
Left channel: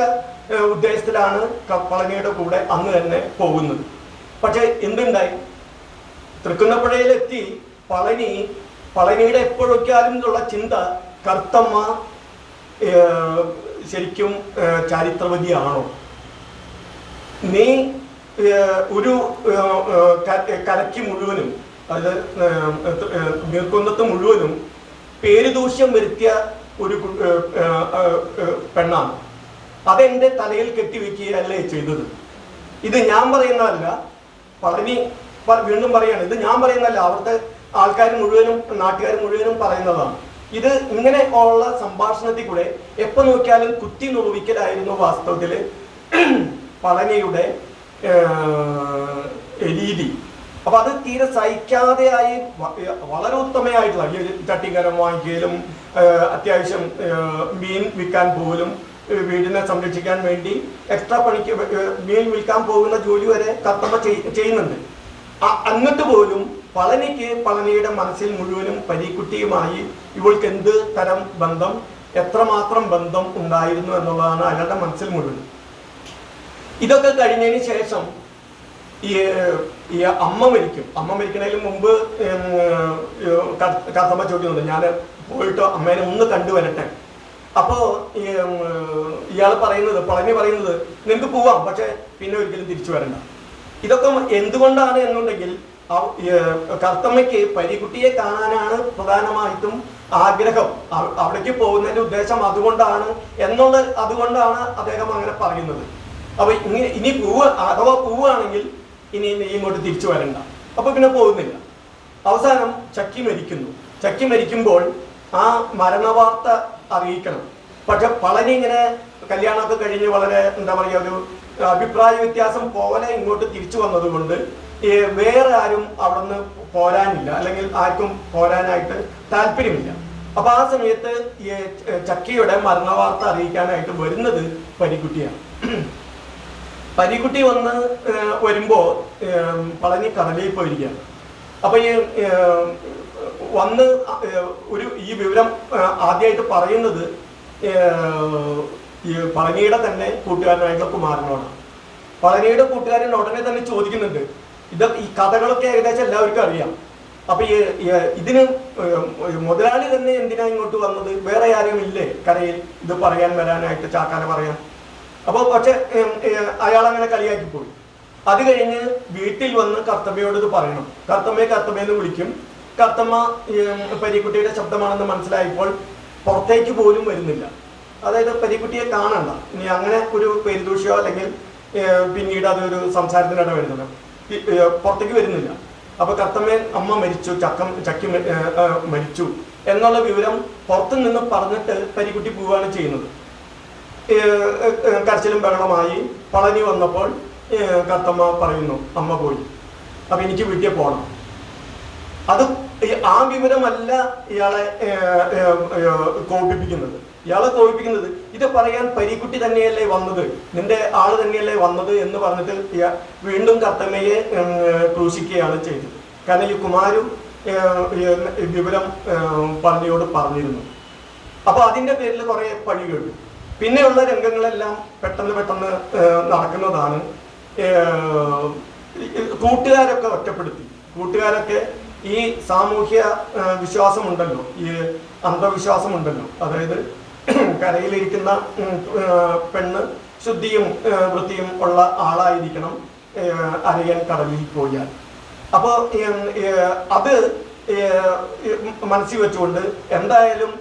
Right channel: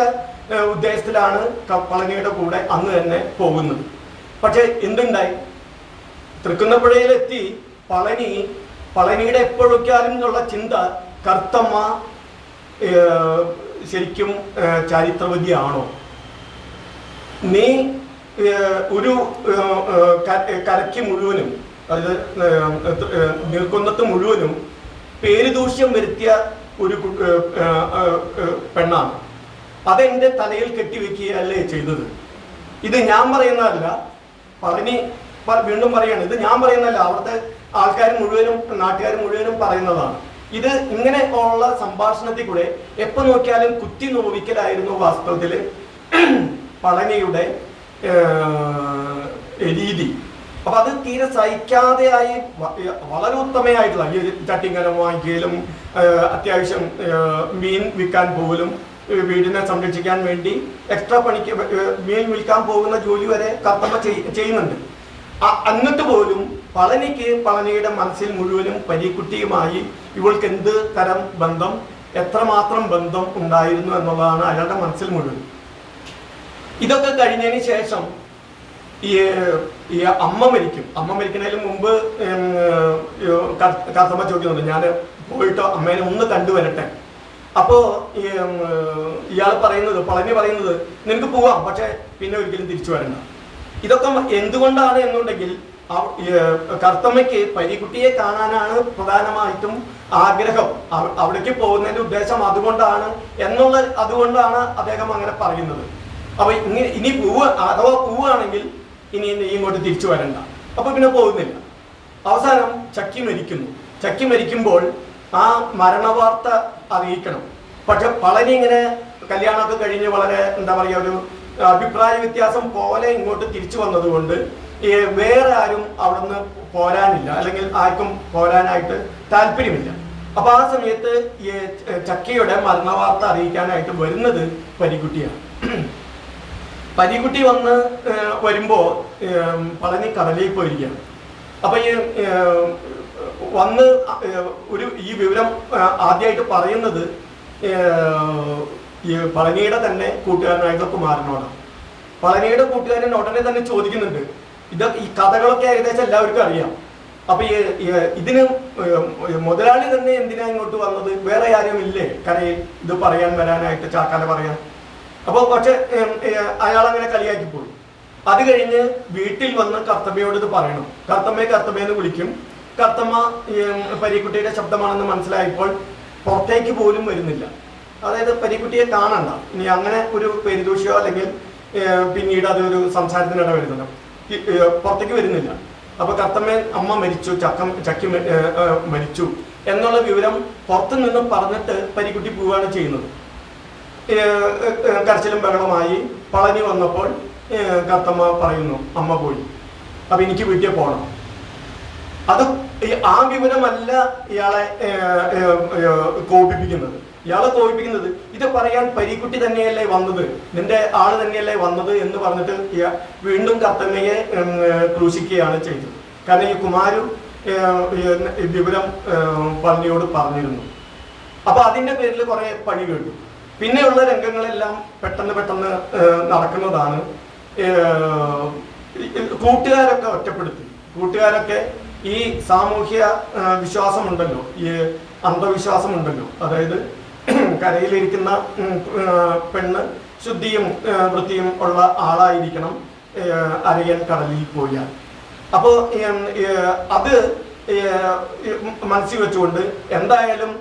ഉദ്ദേശത്തിലാണ് പളനിയുടെ കൂടെ അന്ന് തന്നെ പോകുന്നത്. പക്ഷെ എന്തുണ്ടായി? തൃക്കുന്നപ്പുഴയിലെത്തി പളനിയുടെ എപ്പോഴൊക്കെയാലും എന്നുള്ള ചിന്ത, കർത്തമ്മ ശരിക്കും ചരിത്രവതിയാണോ? നീ ഒരു കരയ്ക്ക് മുഴുവനും, അതായത് നീർക്കുന്നത്ത് മുഴുവനും പേരുദൂഷ്യം വരുത്തിയ ഒരു പെണ്ണാണ്. അതെന്റെ തലയിൽ കെട്ടിവെക്കുകയല്ലേ ചെയ്തത്. ഇത് ഞാൻ പറയുന്നതല്ല, പളനി വീണ്ടും പറയാണ്, ഇത് ഞാൻ പറയുന്നതല്ല, അവിടുത്തെ ആൾക്കാർ മുഴുവനും, നാട്ടുകാർ മുഴുവനും പറയുന്നതാണ്. ഇത് ഇങ്ങനെ ഉള്ള സംഭാഷണത്തിൽ കൂടെ എപ്പോ നോക്കിയാലും കുത്തി നോവിക്കലായിരുന്നു വാസ്തവത്തില് പളനിയുടെ രീതി. അപ്പൊ അത് തീരെ സഹിക്കാതെയായി വളരെ ഉത്തമയായിട്ടുള്ള ഈ ചട്ടിങ്കലം വാങ്ങിക്കലും, അത്യാവശ്യം മീൻ വിൽക്കാൻ പോലും, വീടിനെ സംരക്ഷിക്കാൻ വേണ്ടി എക്സ്ട്രാ പണിക്ക് മീൻ വിൽക്കാൻ പോകുന്ന ജോലി വരെ കർത്തമ്മ ചെയ്യുന്നുണ്ട്. എന്നിട്ട് പോലും പളനിയുടെ മനസ്സിൽ മുഴുവനും പരീക്കുട്ടിയുമായി ഇവൾക്ക് എന്ത് തരം ബന്ധം, എത്രമാത്രം ബന്ധം ഉണ്ടായിരുന്നു എന്നുള്ളതാണ് അയാളുടെ മനസ്സിൽ മുഴുവൻ. ഇതൊക്കെ കഴിഞ്ഞതിന് ശേഷം ഈ അമ്മ മരിക്കുന്നതിന് മുമ്പ് കർത്തമ്മ ചോദിക്കുന്നുണ്ട്, ഞാൻ പോയിട്ട് അമ്മേനെ ഒന്ന് കണ്ടുവരട്ടെ. അപ്പോ പളനി പറയുന്നത് നിനക്ക് പോവാം, പക്ഷെ പിന്നെ ഒരിക്കലും തിരിച്ചു വരണ്ട. ഇതൊക്കെ എന്തുകൊണ്ടാണ് എന്നുണ്ടെങ്കിൽ കർത്തമ്മയ്ക്ക് പരീക്കുട്ടിയെ കാണാനാണ് പ്രധാനമായിട്ടും ആഗ്രഹം. അവിടേക്ക് പോകുന്നതിന്റെ ഉദ്ദേശം അതുകൊണ്ടാണ് അതുകൊണ്ടാണ് അദ്ദേഹം അങ്ങനെ പറയുന്നത്. അപ്പൊ ഇനി അഥവാ പോവുകയാണെങ്കിൽ ഇനി ഇങ്ങോട്ട് തിരിച്ചു വരണ്ട. അപ്പൊ പിന്നെ പോകുന്നില്ല. അവസാനം ചക്കി മരിക്കുമ്പോൾ ആ മരണവാർത്ത അറിയിക്കണം. പക്ഷെ പളനി ഇങ്ങനെ കല്യാണമൊക്കെ കഴിഞ്ഞ് വളരെ ഒരു അഭിപ്രായ വ്യത്യാസം പോലെ ഇങ്ങോട്ട് തിരിച്ചു വന്നത് കൊണ്ട് വേറെ ആരും അവിടെ നിന്ന് പോരാനില്ല, അല്ലെങ്കിൽ ആർക്കും പോരാനായിട്ട് താല്പര്യമില്ല. അപ്പൊ ആ സമയത്ത് ഈ ചക്കിയുടെ മരണവാർത്ത അറിയിക്കാനായിട്ട് വരുന്നത് പരീക്കുട്ടിയാണ്. പരീക്കുട്ടി വരുമ്പോ പളനി കടലിൽ പോയിരിക്കുകയാണ്. അപ്പൊ ഈ വിവരം ആദ്യമായിട്ട് പറയുന്നത് ഈ പളനിയുടെ തന്നെ കൂട്ടുകാരനായിട്ടുള്ള കുമാരനോടാണ്. പളനിയുടെ കൂട്ടുകാരൻ ഉടനെ തന്നെ ചോദിക്കുന്നുണ്ട്, ഈ കഥകളൊക്കെ ഏകദേശം എല്ലാവർക്കും അറിയാം, അപ്പൊ ഇതിന് മുതലാളി തന്നെ എന്തിനാ ഇങ്ങോട്ട് വന്നത്? വേറെ ആരും ഇല്ലേ കരയിൽ ഇത് പറയാൻ വരാനായിട്ട്, ചാക്കാല പറയാൻ? അപ്പോൾ പക്ഷെ അയാൾ അങ്ങനെ കളിയാക്കി പോയി. അത് കഴിഞ്ഞ് വീട്ടിൽ വന്ന് കർത്തമ്മയോട് ഇത് പറയണം. കർത്തമ്മയെന്ന് വിളിക്കും. കർത്തമ്മ പരീക്കുട്ടിയുടെ ശബ്ദമാണെന്ന് മനസ്സിലായപ്പോൾ പുറത്തേക്ക് പോലും വരുന്നില്ല. അതായത് പരീക്കുട്ടിയെ കാണണ്ട, ഇനി അങ്ങനെ ഒരു പെരുദൂഷ്യോ അല്ലെങ്കിൽ പിന്നീട് അതൊരു സംസാരത്തിനിട വരുന്നില്ല, പുറത്തേക്ക് വരുന്നില്ല. അപ്പൊ അമ്മ മരിച്ചു, ചക്കി മരിച്ചു എന്നുള്ള വിവരം പുറത്തു നിന്ന് പറഞ്ഞിട്ട് പരീക്കുട്ടി പോവുകയാണ് ചെയ്യുന്നത്. കരച്ചിലും ബഹളമായി. പളനി വന്നപ്പോൾ കർത്തമ്മ പറയുന്നു അമ്മ പോയി, അപ്പൊ എനിക്ക് വീട്ടിൽ പോകണം. അത് ആ വിവരമല്ല ഇയാളെ കോപിപ്പിക്കുന്നത്. ഇത് പറയാൻ പരീക്കുട്ടി തന്നെയല്ലേ വന്നത്, നിന്റെ ആള് തന്നെയല്ലേ വന്നത് എന്ന് പറഞ്ഞിട്ട് വീണ്ടും കർത്തമ്മയെ ക്രൂശിക്കുകയാണ് ചെയ്തത്. കാരണം ഈ കുമാരു വിവരം പന്നിയോട് പറഞ്ഞിരുന്നു. അപ്പൊ അതിന്റെ പേരിൽ കുറെ പണി കേട്ടു. പിന്നെയുള്ള രംഗങ്ങളെല്ലാം പെട്ടെന്ന് നടക്കുന്നതാണ്. കൂട്ടുകാരൊക്കെ ഒറ്റപ്പെടുത്തി. കൂട്ടുകാരൊക്കെ ഈ സാമൂഹ്യ വിശ്വാസമുണ്ടല്ലോ, ഈ അന്ധവിശ്വാസമുണ്ടല്ലോ, അതായത് കരയിലിരിക്കുന്ന പെണ്ണ് ശുദ്ധിയും വൃത്തിയും ഉള്ള ആളായിരിക്കണം അരയൻ കടലിൽ പോയാൽ. അപ്പോൾ അത് മനസ്സിൽ വെച്ചുകൊണ്ട് എന്തായാലും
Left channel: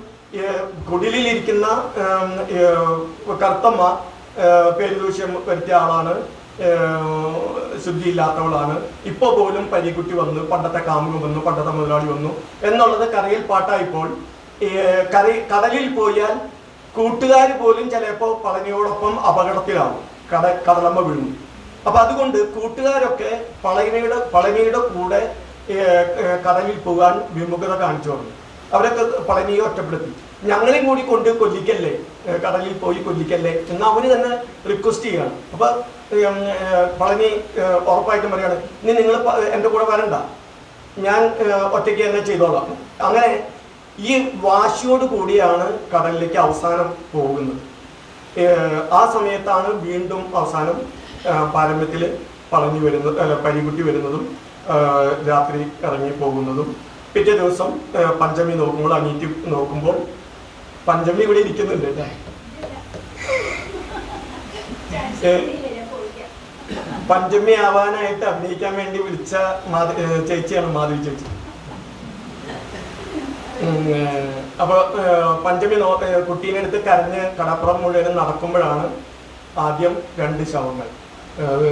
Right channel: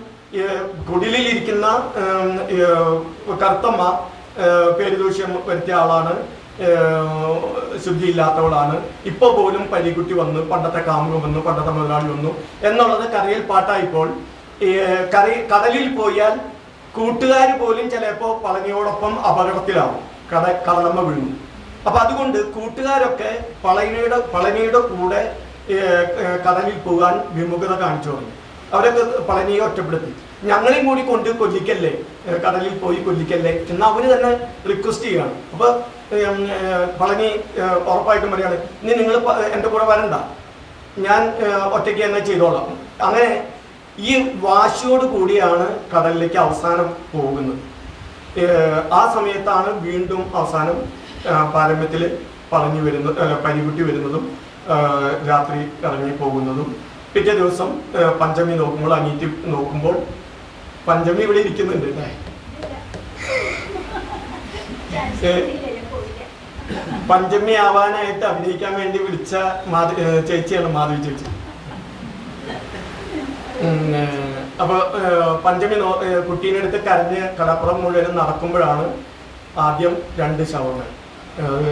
കുടിലിരിക്കുന്ന കർത്തമ്മ പേരുദൂഷ്യം വരുത്തിയ ആളാണ്, ശുദ്ധിയില്ലാത്തവളാണ്. ഇപ്പോൾ പോലും പരീക്കുട്ടി വന്നു, പണ്ടത്തെ കാമുകം വന്നു, പണ്ടത്തെ മുതലാളി വന്നു എന്നുള്ളത് കരയിൽ പാട്ടായിപ്പോൾ കടലിൽ പോയാൽ കൂട്ടുകാർ പോലും ചിലപ്പോൾ പളനിയോടൊപ്പം അപകടത്തിലാവും, കടലമ്മ വീഴുന്നു. അപ്പൊ അതുകൊണ്ട് കൂട്ടുകാരൊക്കെ പളനിയുടെ കൂടെ കടലിൽ പോകാൻ വിമുഖത കാണിച്ചു തുടങ്ങി. അവരൊക്കെ പളനിയെ ഒറ്റപ്പെടുത്തി. ഞങ്ങളെയും കൂടി കൊണ്ട് കൊല്ലിക്കല്ലേ, കടലിൽ പോയി കൊല്ലിക്കല്ലേ എന്ന് അവന് തന്നെ റിക്വസ്റ്റ് ചെയ്യാണ്. അപ്പൊ പളനി ഉറപ്പായിട്ടും പറയാണ്, ഇനി നിങ്ങൾ എൻ്റെ കൂടെ വരണ്ട, ഞാൻ ഒറ്റയ്ക്ക് തന്നെ ചെയ്തോളാം. അങ്ങനെ ഈ വാശിയോട് കൂടിയാണ് കടലിലേക്ക് അവസാനം പോകുന്നത്. ആ സമയത്താണ് വീണ്ടും അവസാനം പാരമ്യത്തിൽ പരീക്കുട്ടി വരുന്നതും രാത്രി ഇറങ്ങി പോകുന്നതും. പിറ്റേ ദിവസം പഞ്ചമി നോക്കുമ്പോൾ, അനീറ്റി നോക്കുമ്പോൾ പഞ്ചമി ഇവിടെ ഇരിക്കുന്നുണ്ട് അല്ലേ? പഞ്ചമി ആവാനായിട്ട് അഭിനയിക്കാൻ വേണ്ടി വിളിച്ച ചേച്ചിയാണ് മാധവി ചേച്ചി. അപ്പൊ പഞ്ചമി കുട്ടീനെ അടുത്ത് കരഞ്ഞ് കടപ്പുറം മുഴുവൻ നടക്കുമ്പോഴാണ് ആദ്യം 2 ശവങ്ങൾ, അത്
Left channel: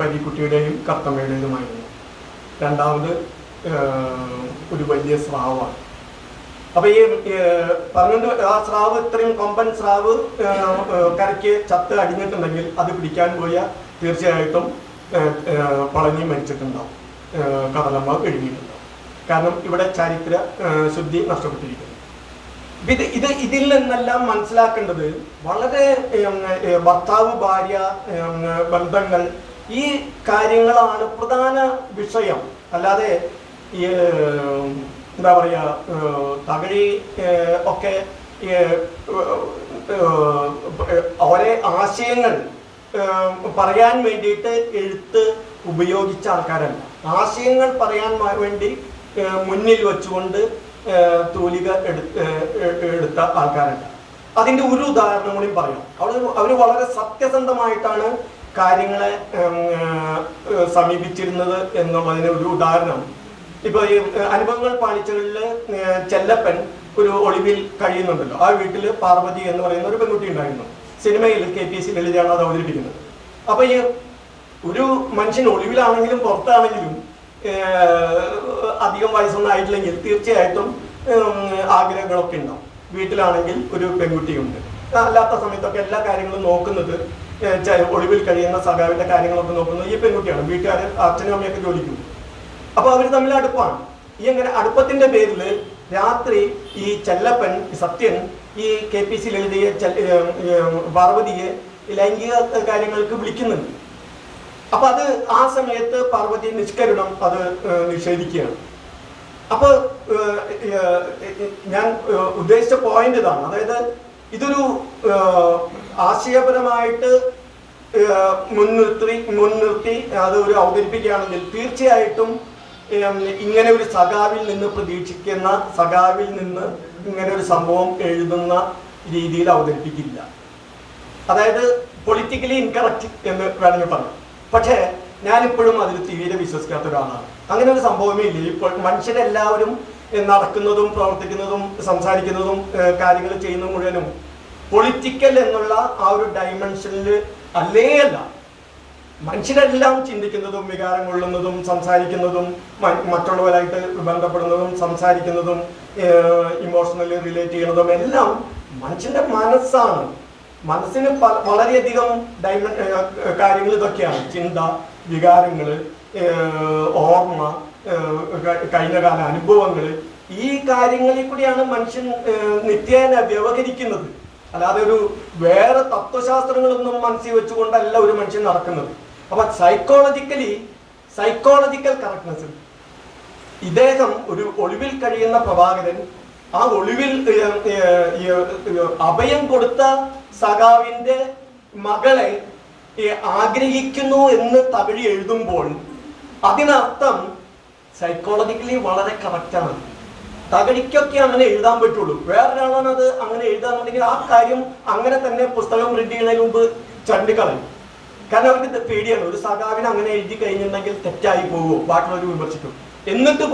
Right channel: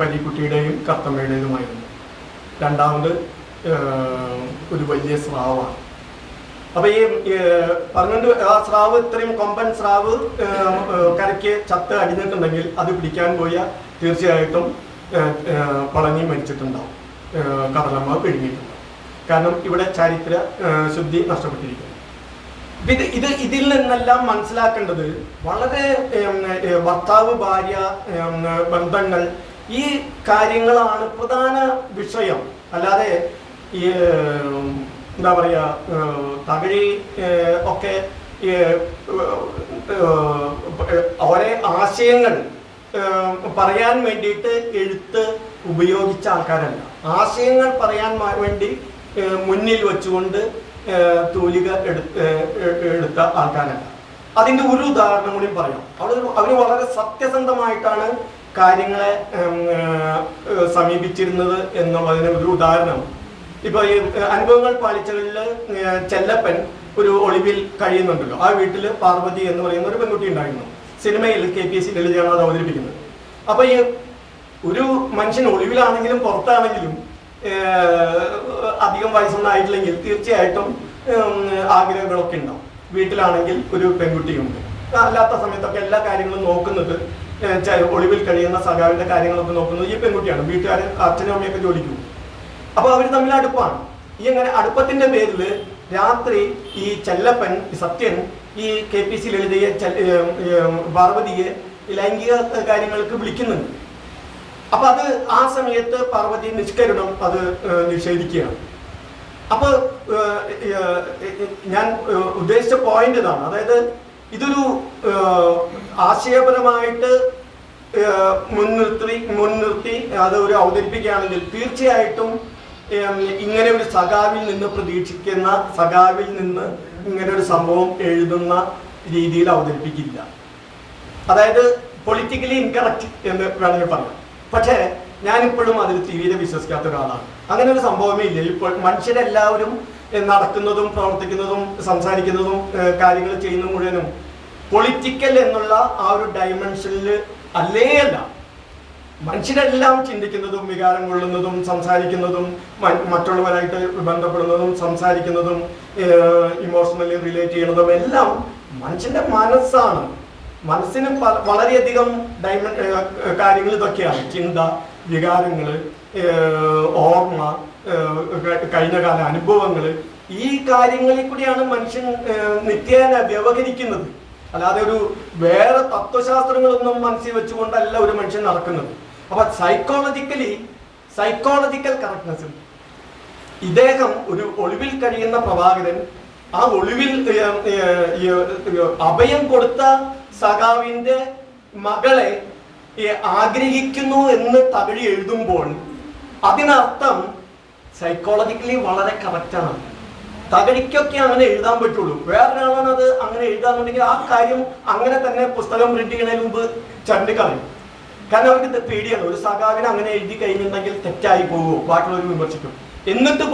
പരീക്കുട്ടിയുടെയും കർത്തമ്മയുടേതുമായിരുന്നു. രണ്ടാമത് ഒരു വലിയ സ്രാവാണ്. അപ്പൊ ഈ പറഞ്ഞുകൊണ്ട് ആ സ്രാവ്, ഇത്രയും കൊമ്പൻ സ്രാവ് കരയ്ക്ക് ചത്ത് അടിഞ്ഞിട്ടുണ്ടെങ്കിൽ അത് പിടിക്കാൻ പോയാൽ തീർച്ചയായിട്ടും പളനി മരിച്ചിട്ടുണ്ടാവും, കടലമ്മ വിഴുങ്ങിയിട്ടുണ്ടാവും. കാരണം ഇവിടെ ചരിത്ര ശുദ്ധി നഷ്ടപ്പെട്ടിരിക്കുന്നു. ഇതിൽ നിന്നെല്ലാം മനസ്സിലാക്കേണ്ടത് വളരെ ഭർത്താവ് ഭാര്യ ബന്ധങ്ങൾ, ഈ കാര്യങ്ങളാണ് പ്രധാന വിഷയം. അല്ലാതെ എന്താ പറയാ, തകഴി ഒക്കെ ഓരോ ആശയങ്ങൾ പറയാൻ വേണ്ടിയിട്ട് എഴുത്ത് ഉപയോഗിച്ച ആൾക്കാരല്ല. ആശയങ്ങൾ പറയാൻ വേണ്ടി മുന്നിൽ വെച്ചുകൊണ്ട് തൂലിക എടുത്ത ആൾക്കാരല്ല. അതിൻ്റെ ഒരു ഉദാഹരണം കൂടി പറയാം. അവർ വളരെ സത്യസന്ധമായിട്ടാണ് കാര്യങ്ങളെ സമീപിച്ചിരുന്നത് എന്നുള്ളതിന് ഒരു ഉദാഹരണം. ഇപ്പൊ ഈ അനുഭവങ്ങൾ പാലിച്ചകളിൽ ചെല്ലപ്പൻ ഒരു ഒളിവിൽ കഴിയുന്നുണ്ടല്ലോ. ആ വീട്ടിൽ പാർവതി എന്ന് പറയുന്ന ഒരു പെൺകുട്ടി ഉണ്ടായിരുന്നു. സിനിമയിൽ KPSC ലളിതയാണ് അത് അവതരിപ്പിക്കുന്നത്. അപ്പൊ ഈ ഒരു മനുഷ്യൻ ഒളിവിലാണെങ്കിലും പുറത്താണെങ്കിലും അധികം വയസ്സൊന്നും ആയിട്ടില്ലെങ്കിൽ തീർച്ചയായിട്ടും ആഗ്രഹങ്ങളൊക്കെ ഉണ്ടാവും. വീട്ടിലാണെങ്കിൽ ഒരു പെൺകുട്ടിയുണ്ട്. അല്ലാത്ത സമയത്തൊക്കെ എല്ലാ കാര്യങ്ങളും നോക്കുന്നത്, ഒളിവിൽ കഴിയുന്ന സഖാവിന്റെ കാര്യങ്ങളൊക്കെ നോക്കുന്നത് ഈ പെൺകുട്ടിയാണ്. വീട്ടുകാരൻ അച്ഛനും അമ്മയൊക്കെ ജോലിക്ക് പോകും. അപ്പൊ അവർ തമ്മിൽ അടുപ്പാണ്. ഈ അങ്ങനെ അടുപ്പത്തിന്റെ പേരിൽ രാത്രി ഈ ചെല്ലപ്പൻ സത്യൻ ഈ KPSC ലളിതയെ പാർവതിയെ ലൈംഗിക കാര്യങ്ങൾക്ക് വിളിക്കുന്നുണ്ട്. അപ്പൊ അത് ആ സമയത്ത് പാർവതി നിഷ്കരുണം അത് നിഷേധിക്കുകയാണ്. അപ്പൊ ഞാൻ ഉദ്ദേശിച്ച പോയിന്റ് ഇതാണ്. അതായത് ഇതൊരു ആശയപരമായിട്ട് മുൻനിർത്തി അത് ഒരു അവതരിപ്പിക്കുകയാണെങ്കിൽ തീർച്ചയായിട്ടും ഇങ്ങനെ ഒരു സഖാവിൽ നിന്ന് പ്രതീക്ഷിക്കുന്ന സഖാവിൽ നിന്ന് ഇങ്ങനെ ഒരു സംഭവം എഴുതുന്ന രീതിയിൽ അവതരിപ്പിക്കില്ല. അതായത് പൊളിറ്റിക്കലി ഇൻകറക്റ്റ് എന്ന് വേണമെങ്കിൽ പറയാം. പക്ഷേ ഞാനിപ്പോഴും അതിൽ തീരെ വിശ്വസിക്കാത്ത ഒരാളാണ്. അങ്ങനെ ഒരു സംഭവമേ ഇല്ല. ഇപ്പോൾ മനുഷ്യരെല്ലാവരും നടക്കുന്നതും പ്രവർത്തിക്കുന്നതും സംസാരിക്കുന്നതും കാര്യങ്ങൾ ചെയ്യുന്നതും മുഴുവനും പൊളിറ്റിക്കൽ എന്നുള്ള ആ ഒരു ഡയമെൻഷനിൽ അല്ല. മനുഷ്യരെല്ലാം ചിന്തിക്കുന്നതും വികാരം കൊള്ളുന്നതും സംസാരിക്കുന്നതും മറ്റുള്ളവരായിട്ട് ബന്ധപ്പെടുന്നതും സംസാരിക്കുന്നതും ഇമോഷണലി റിലേറ്റ് ചെയ്യുന്നതും എല്ലാം മനുഷ്യന്റെ മനസ്സാണ്. മനസ്സിന് വളരെയധികം കാര്യങ്ങൾ ഇതൊക്കെയാണ്. ചിന്ത, വികാരങ്ങൾ, ഓർമ്മ, കഴിഞ്ഞകാല അനുഭവങ്ങൾ, ഈ കാര്യങ്ങളിൽ കൂടിയാണ് മനുഷ്യൻ നിത്യേന വ്യവഹരിക്കുന്നത്. അല്ലാതെ ഒരു വേറെ തത്വശാസ്ത്രങ്ങളൊന്നും മനസ്സിൽ വെച്ചുകൊണ്ടല്ല ഒരു മനുഷ്യൻ നടക്കുന്നത്. അപ്പൊ സൈക്കോളജിക്കൽ കറക്റ്റ്നെസ്. ഇദ്ദേഹം ഒരു ഒളിവിൽ കഴിയുന്ന പ്രഭാകരൻ ആ ഒളിവിൽ അഭയം കൊടുത്ത സഖാവിന്റെ മകളെ ആഗ്രഹിക്കുന്നു എന്ന് തകഴി എഴുതുമ്പോൾ അതിനർത്ഥം സൈക്കോളജിക്കലി വളരെ കറക്റ്റാണ്. തകഴിക്കൊക്കെ അങ്ങനെ എഴുതാൻ പറ്റുള്ളൂ. വേറൊരാളാണ് അത് അങ്ങനെ എഴുതാന്നുണ്ടെങ്കിൽ ആ കാര്യം അങ്ങനെ തന്നെ പുസ്തകം പ്രിന്റ് ചെയ്യുന്നതിന് മുമ്പ് ചണ്ടിക്കളയും. കാരണം അവർക്ക് പേടിയാണ്, ഒരു സഖാവിനെ അങ്ങനെ എഴുതി കഴിഞ്ഞിട്ടുണ്ടെങ്കിൽ തെറ്റായി പോകുമോ, ബാക്കിയുള്ളവർ വിമർശിക്കും. എന്നിട്ട്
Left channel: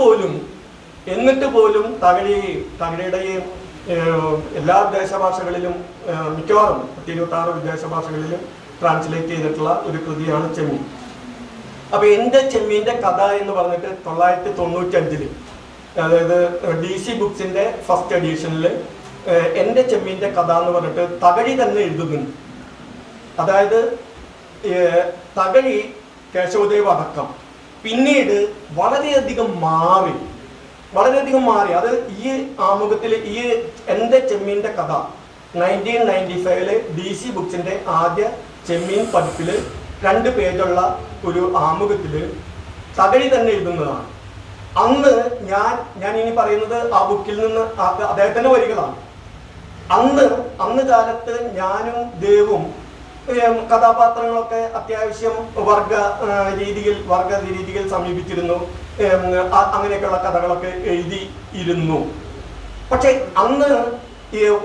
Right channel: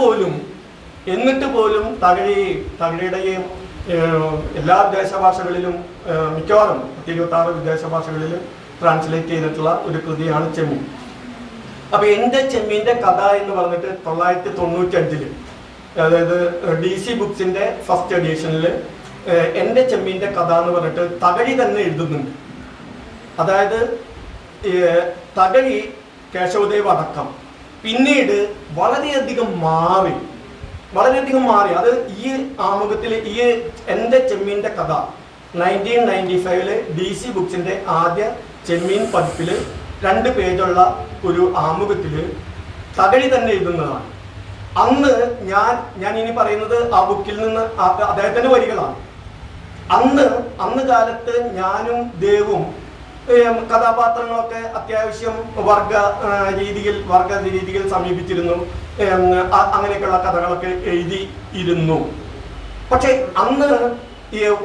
പോലും തകഴിയുടെയും എല്ലാ വിദേശ ഭാഷകളിലും മിക്കവാറും 26 വിദേശ ഭാഷകളിലും ട്രാൻസ്ലേറ്റ് ചെയ്തിട്ടുള്ള ഒരു കൃതിയാണ് ചെമ്മീൻ. അപ്പൊ എന്റെ ചെമ്മീന്റെ കഥ എന്ന് പറഞ്ഞിട്ട് 1995 അതായത് DC ബുക്സിന്റെ ഫസ്റ്റ് എഡിഷനിൽ എന്റെ ചെമ്മീന്റെ കഥ എന്ന് പറഞ്ഞിട്ട് തകഴി തന്നെ എഴുതുന്നുണ്ട്. അതായത് തകഴി, കേശവദേവ് അടക്കം പിന്നീട് വളരെയധികം മാറി. അത് ഈ ആമുഖത്തിൽ ഈ എന്റെ ചെമ്മീന്റെ കഥ 1995 DC ബുക്സിന്റെ ആദ്യ ചെമ്മീൻ പതിപ്പില് 2 പേജുള്ള ഒരു ആമുഖത്തില് തകഴി തന്നെ എഴുതുന്നതാണ്. അന്ന് ഞാൻ ഇനി പറയുന്നത് ആ ബുക്കിൽ നിന്ന് അദ്ദേഹത്തിന്റെ വരികളാണ്. അന്ന് കാലത്ത് ഞാനും ദേവും കഥാപാത്രങ്ങളൊക്കെ അത്യാവശ്യം വർഗ രീതിയിൽ സമീപിച്ചിരുന്നു. അങ്ങനെയൊക്കെയുള്ള കഥകളൊക്കെ എഴുതിയിരുന്നു. പക്ഷെ അന്ന്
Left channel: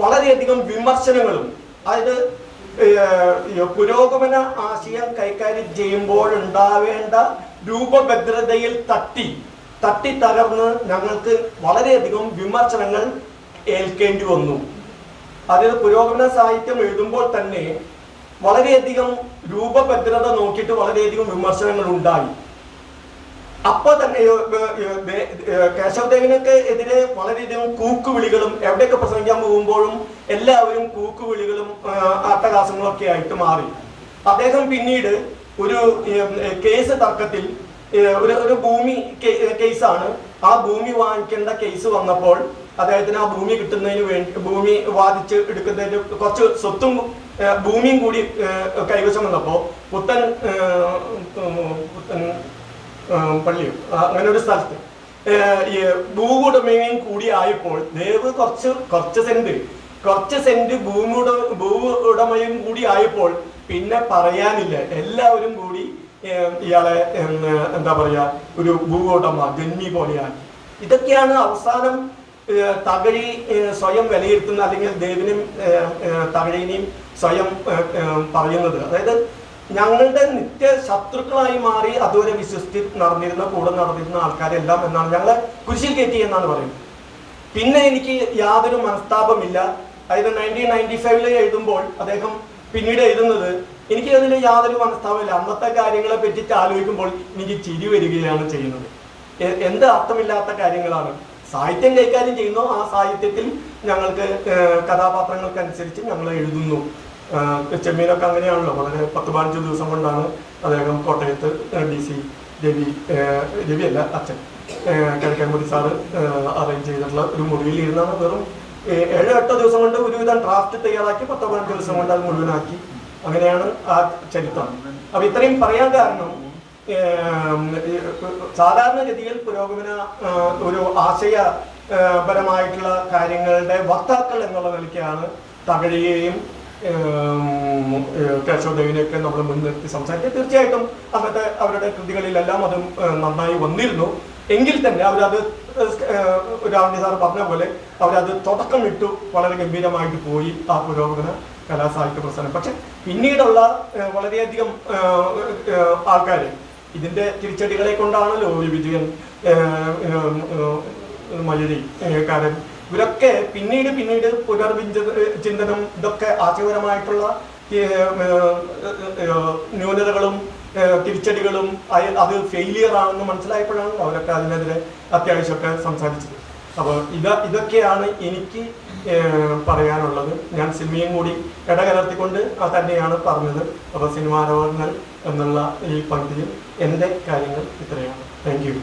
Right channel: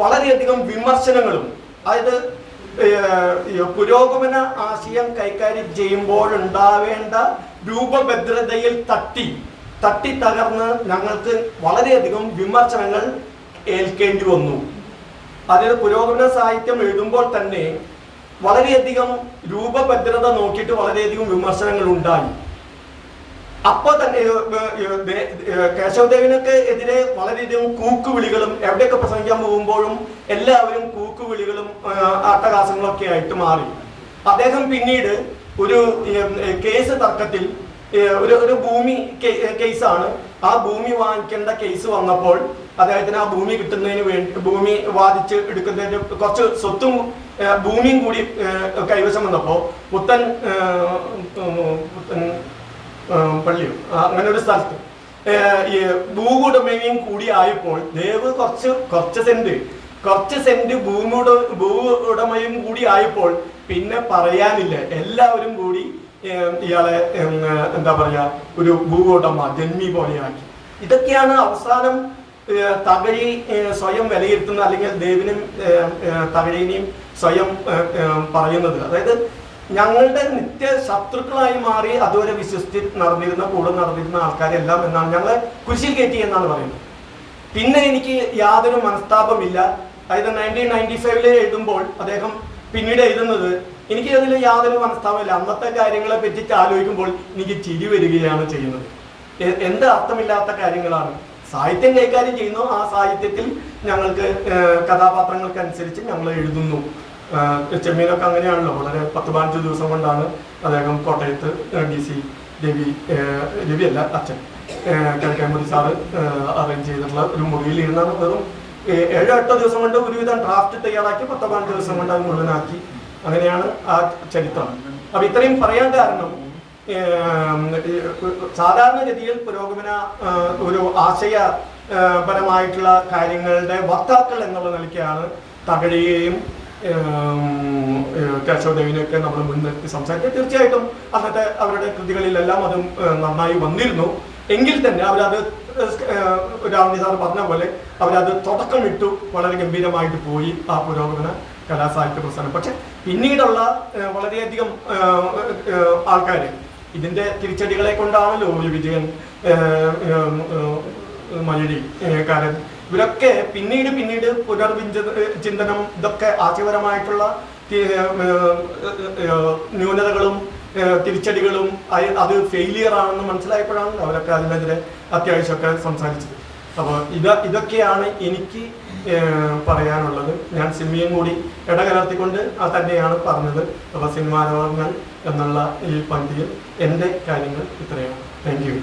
വളരെയധികം വിമർശനങ്ങളും, അതായത് പുരോഗമന ആശയം കൈകാര്യം ചെയ്യുമ്പോഴുണ്ടാവേണ്ട രൂപഭദ്രതയിൽ തട്ടി തകർന്ന് ഞങ്ങൾക്ക് വളരെയധികം വിമർശനങ്ങൾ ഏൽക്കേണ്ടി വന്നു. അതായത് പുരോഗമന സാഹിത്യം എഴുതുമ്പോൾ തന്നെ വളരെയധികം രൂപഭദ്രത നോക്കിയിട്ട് വളരെയധികം വിമർശനങ്ങൾ ഉണ്ടായി. അപ്പൊ തന്നെ കേശവദേവിനൊക്കെ എതിരെ വളരെയധികം കൂക്കുവിളികളും, എവിടെയൊക്കെ പ്രസംഗിക്കാൻ പോകുമ്പോഴും എല്ലാവരും കൂക്കുവിളികളും അട്ടഹാസങ്ങളും ഒക്കെ ആയിട്ട് മാറി. അദ്ദേഹം പിന്നീട് ഒരു കേസ് തർക്കത്തിൽ ഒരു ഭൂമി കേസാണ്. ആ ഭൂമി വാങ്ങിക്കേണ്ട കേസ് വന്നപ്പോൾ അദ്ദേഹത്തിന് ആ ഭൂമി കിട്ടുന്നതിന് വേണ്ടി, ഭൂമി വാദിച്ച് എടുക്കുന്നതിന് കുറച്ച് സ്വത്തും ഭൂമിയും കൂടി കൈവശം വന്നപ്പോൾ പുത്തൻ പള്ളിയോ അങ്ങനെ ഒരു സ്ഥലത്ത് ഈ ഭൂവുടമയും കൂടി ആയപ്പോൾ ദേവ് കുറച്ച് സെന്റ് ഭൂ ഉടമയും കൂടി ആയപ്പോൾ പിന്നെ പറയാനില്ല. എല്ലാവരും കൂടി ഇയാളെ എന്താ പറയാ ഒരു ഭൂവുടമ ജന്മി പോലെയാക്കി. ഇതൊക്കെയാണ് അവസാനം തകഴി സ്വയം വിലയിരുത്തുന്ന, അല്ലെങ്കിൽ ദേവിനും തകഴിനെയും സ്വയം പറയുന്നത്. അതായത് ഞങ്ങളുടെ നിത്യ ശത്രുക്കളായി മാറി അതുവരെ വിശ്വസിച്ച് കൂടെ നടന്നിരുന്ന ആൾക്കാരെല്ലാം എന്നാണ് ഞങ്ങളെ കുരിശിൽ കയറ്റി എന്നാണ് പറയുന്നത്. പിന്നെ എനിക്ക് യാതൊരു മനസ്താപമില്ല. അതായത് 1995 എഴുതുമ്പോൾ അദ്ദേഹം പിന്നീട് എഴുതുന്നത്, എനിക്ക് അതിൽ യാതൊരു മനസ്താപമില്ല. അന്നത്തെ കാര്യങ്ങളെ പറ്റിയിട്ട് ആലോചിക്കുമ്പോൾ എനിക്ക് ചിരി വരികയാണ് ചെയ്യുന്നത്. എന്ത് അർത്ഥമില്ലാത്ത കാര്യങ്ങളാണ്. സാഹിത്യം കൈകാര്യം ചെയ്യുന്നു, ആ സാഹിത്യത്തിൽ ഞങ്ങൾക്ക് കഥാപാത്രങ്ങൾക്കനുസരിച്ച് ഞങ്ങൾ എഴുതുന്നു. ചെമ്മീനൊക്കെ അങ്ങനെയാണല്ലോ. വളരെ 10-15 ദിവസം കൊണ്ടാണ് അദ്ദേഹം കോട്ടയത്ത് DC രവിയല്ല അച്ഛൻ കിഴക്കേമുറി സാറ് അറേഞ്ച് ചെയ്തിട്ടുള്ള ഒരു മുറിയിൽ ഇരുന്നാണ് വെറും 7-8 ദിവസം കൊണ്ട് ഒരുവിധം ഡ്രാഫ്റ്റ് തയ്യാറാക്കി 10-15 ദിവസം കൊണ്ട് അത് മുഴുവനാക്കി. അങ്ങനെയാണ് ആ ചരിത്രം. അപ്പൊ ഇത്രയും പറയാൻ കാരണം, സാധാരണഗതിയിൽ പുരോഗമന ഒരു ആശയപരമായിട്ടുള്ള കാര്യങ്ങളുടെ വക്താക്കൾ എന്നുള്ള നിലയ്ക്കാണ് തകഴിയെയും കേശവദേവിനെയൊക്കെ നമ്മൾ മുൻനിർത്തി സംസാരിക്കുക. തീർച്ചയായിട്ടും അന്നത്തെ അവരുടെ കൃതികളിലെല്ലാം അതും നന്നായി വന്നിരുന്നു. എങ്കിൽ തന്നെ അവരത് രാവണി സാർ പറഞ്ഞ പോലെ അവരത് തുടക്കമിട്ടു വളരെ ഗംഭീരമായിട്ട് പോയി ആ പുരോഗമന കലാസാഹിത്യ പ്രസ്ഥാനം. പക്ഷെ പിന്നീടുള്ള വളരെയധികം ആൾക്കാർ ഇതിന്റെ തിരിച്ചടികളെ കൊണ്ടാണല്ലോ വിജയൻ, മലരി, കാരൻ, ഇവരൊക്കെ പിന്നീട് ചിന്തനം ഇതൊക്കെ ആശയപരമായിട്ടുള്ള ന്യൂനതകളും തിരിച്ചടികളും അത് ഫെയിലിയർ ആണെന്ന് മനസ്സിലായപ്പോഴാണ് അവരൊക്കെ അതിനെതിരെ അത്യാവശ്യമൊക്കെ സംസാരിച്ചത്. അപ്പോൾ ഇതൊക്കെയാണ് എനിക്ക് പറയാനുള്ളത്. ഞാൻ സിനിമയും കൂടി ഇടകലർത്തിക്കൊണ്ട് തന്നെയാണ് പറഞ്ഞത്. അപ്പോൾ സിനിമാരോഹങ്ങൾ എന്നുള്ള ഈ പങ്ക്തിയിൽ എൻ്റെ കാര്യങ്ങൾ ഇത്രയാണ്. Thank you.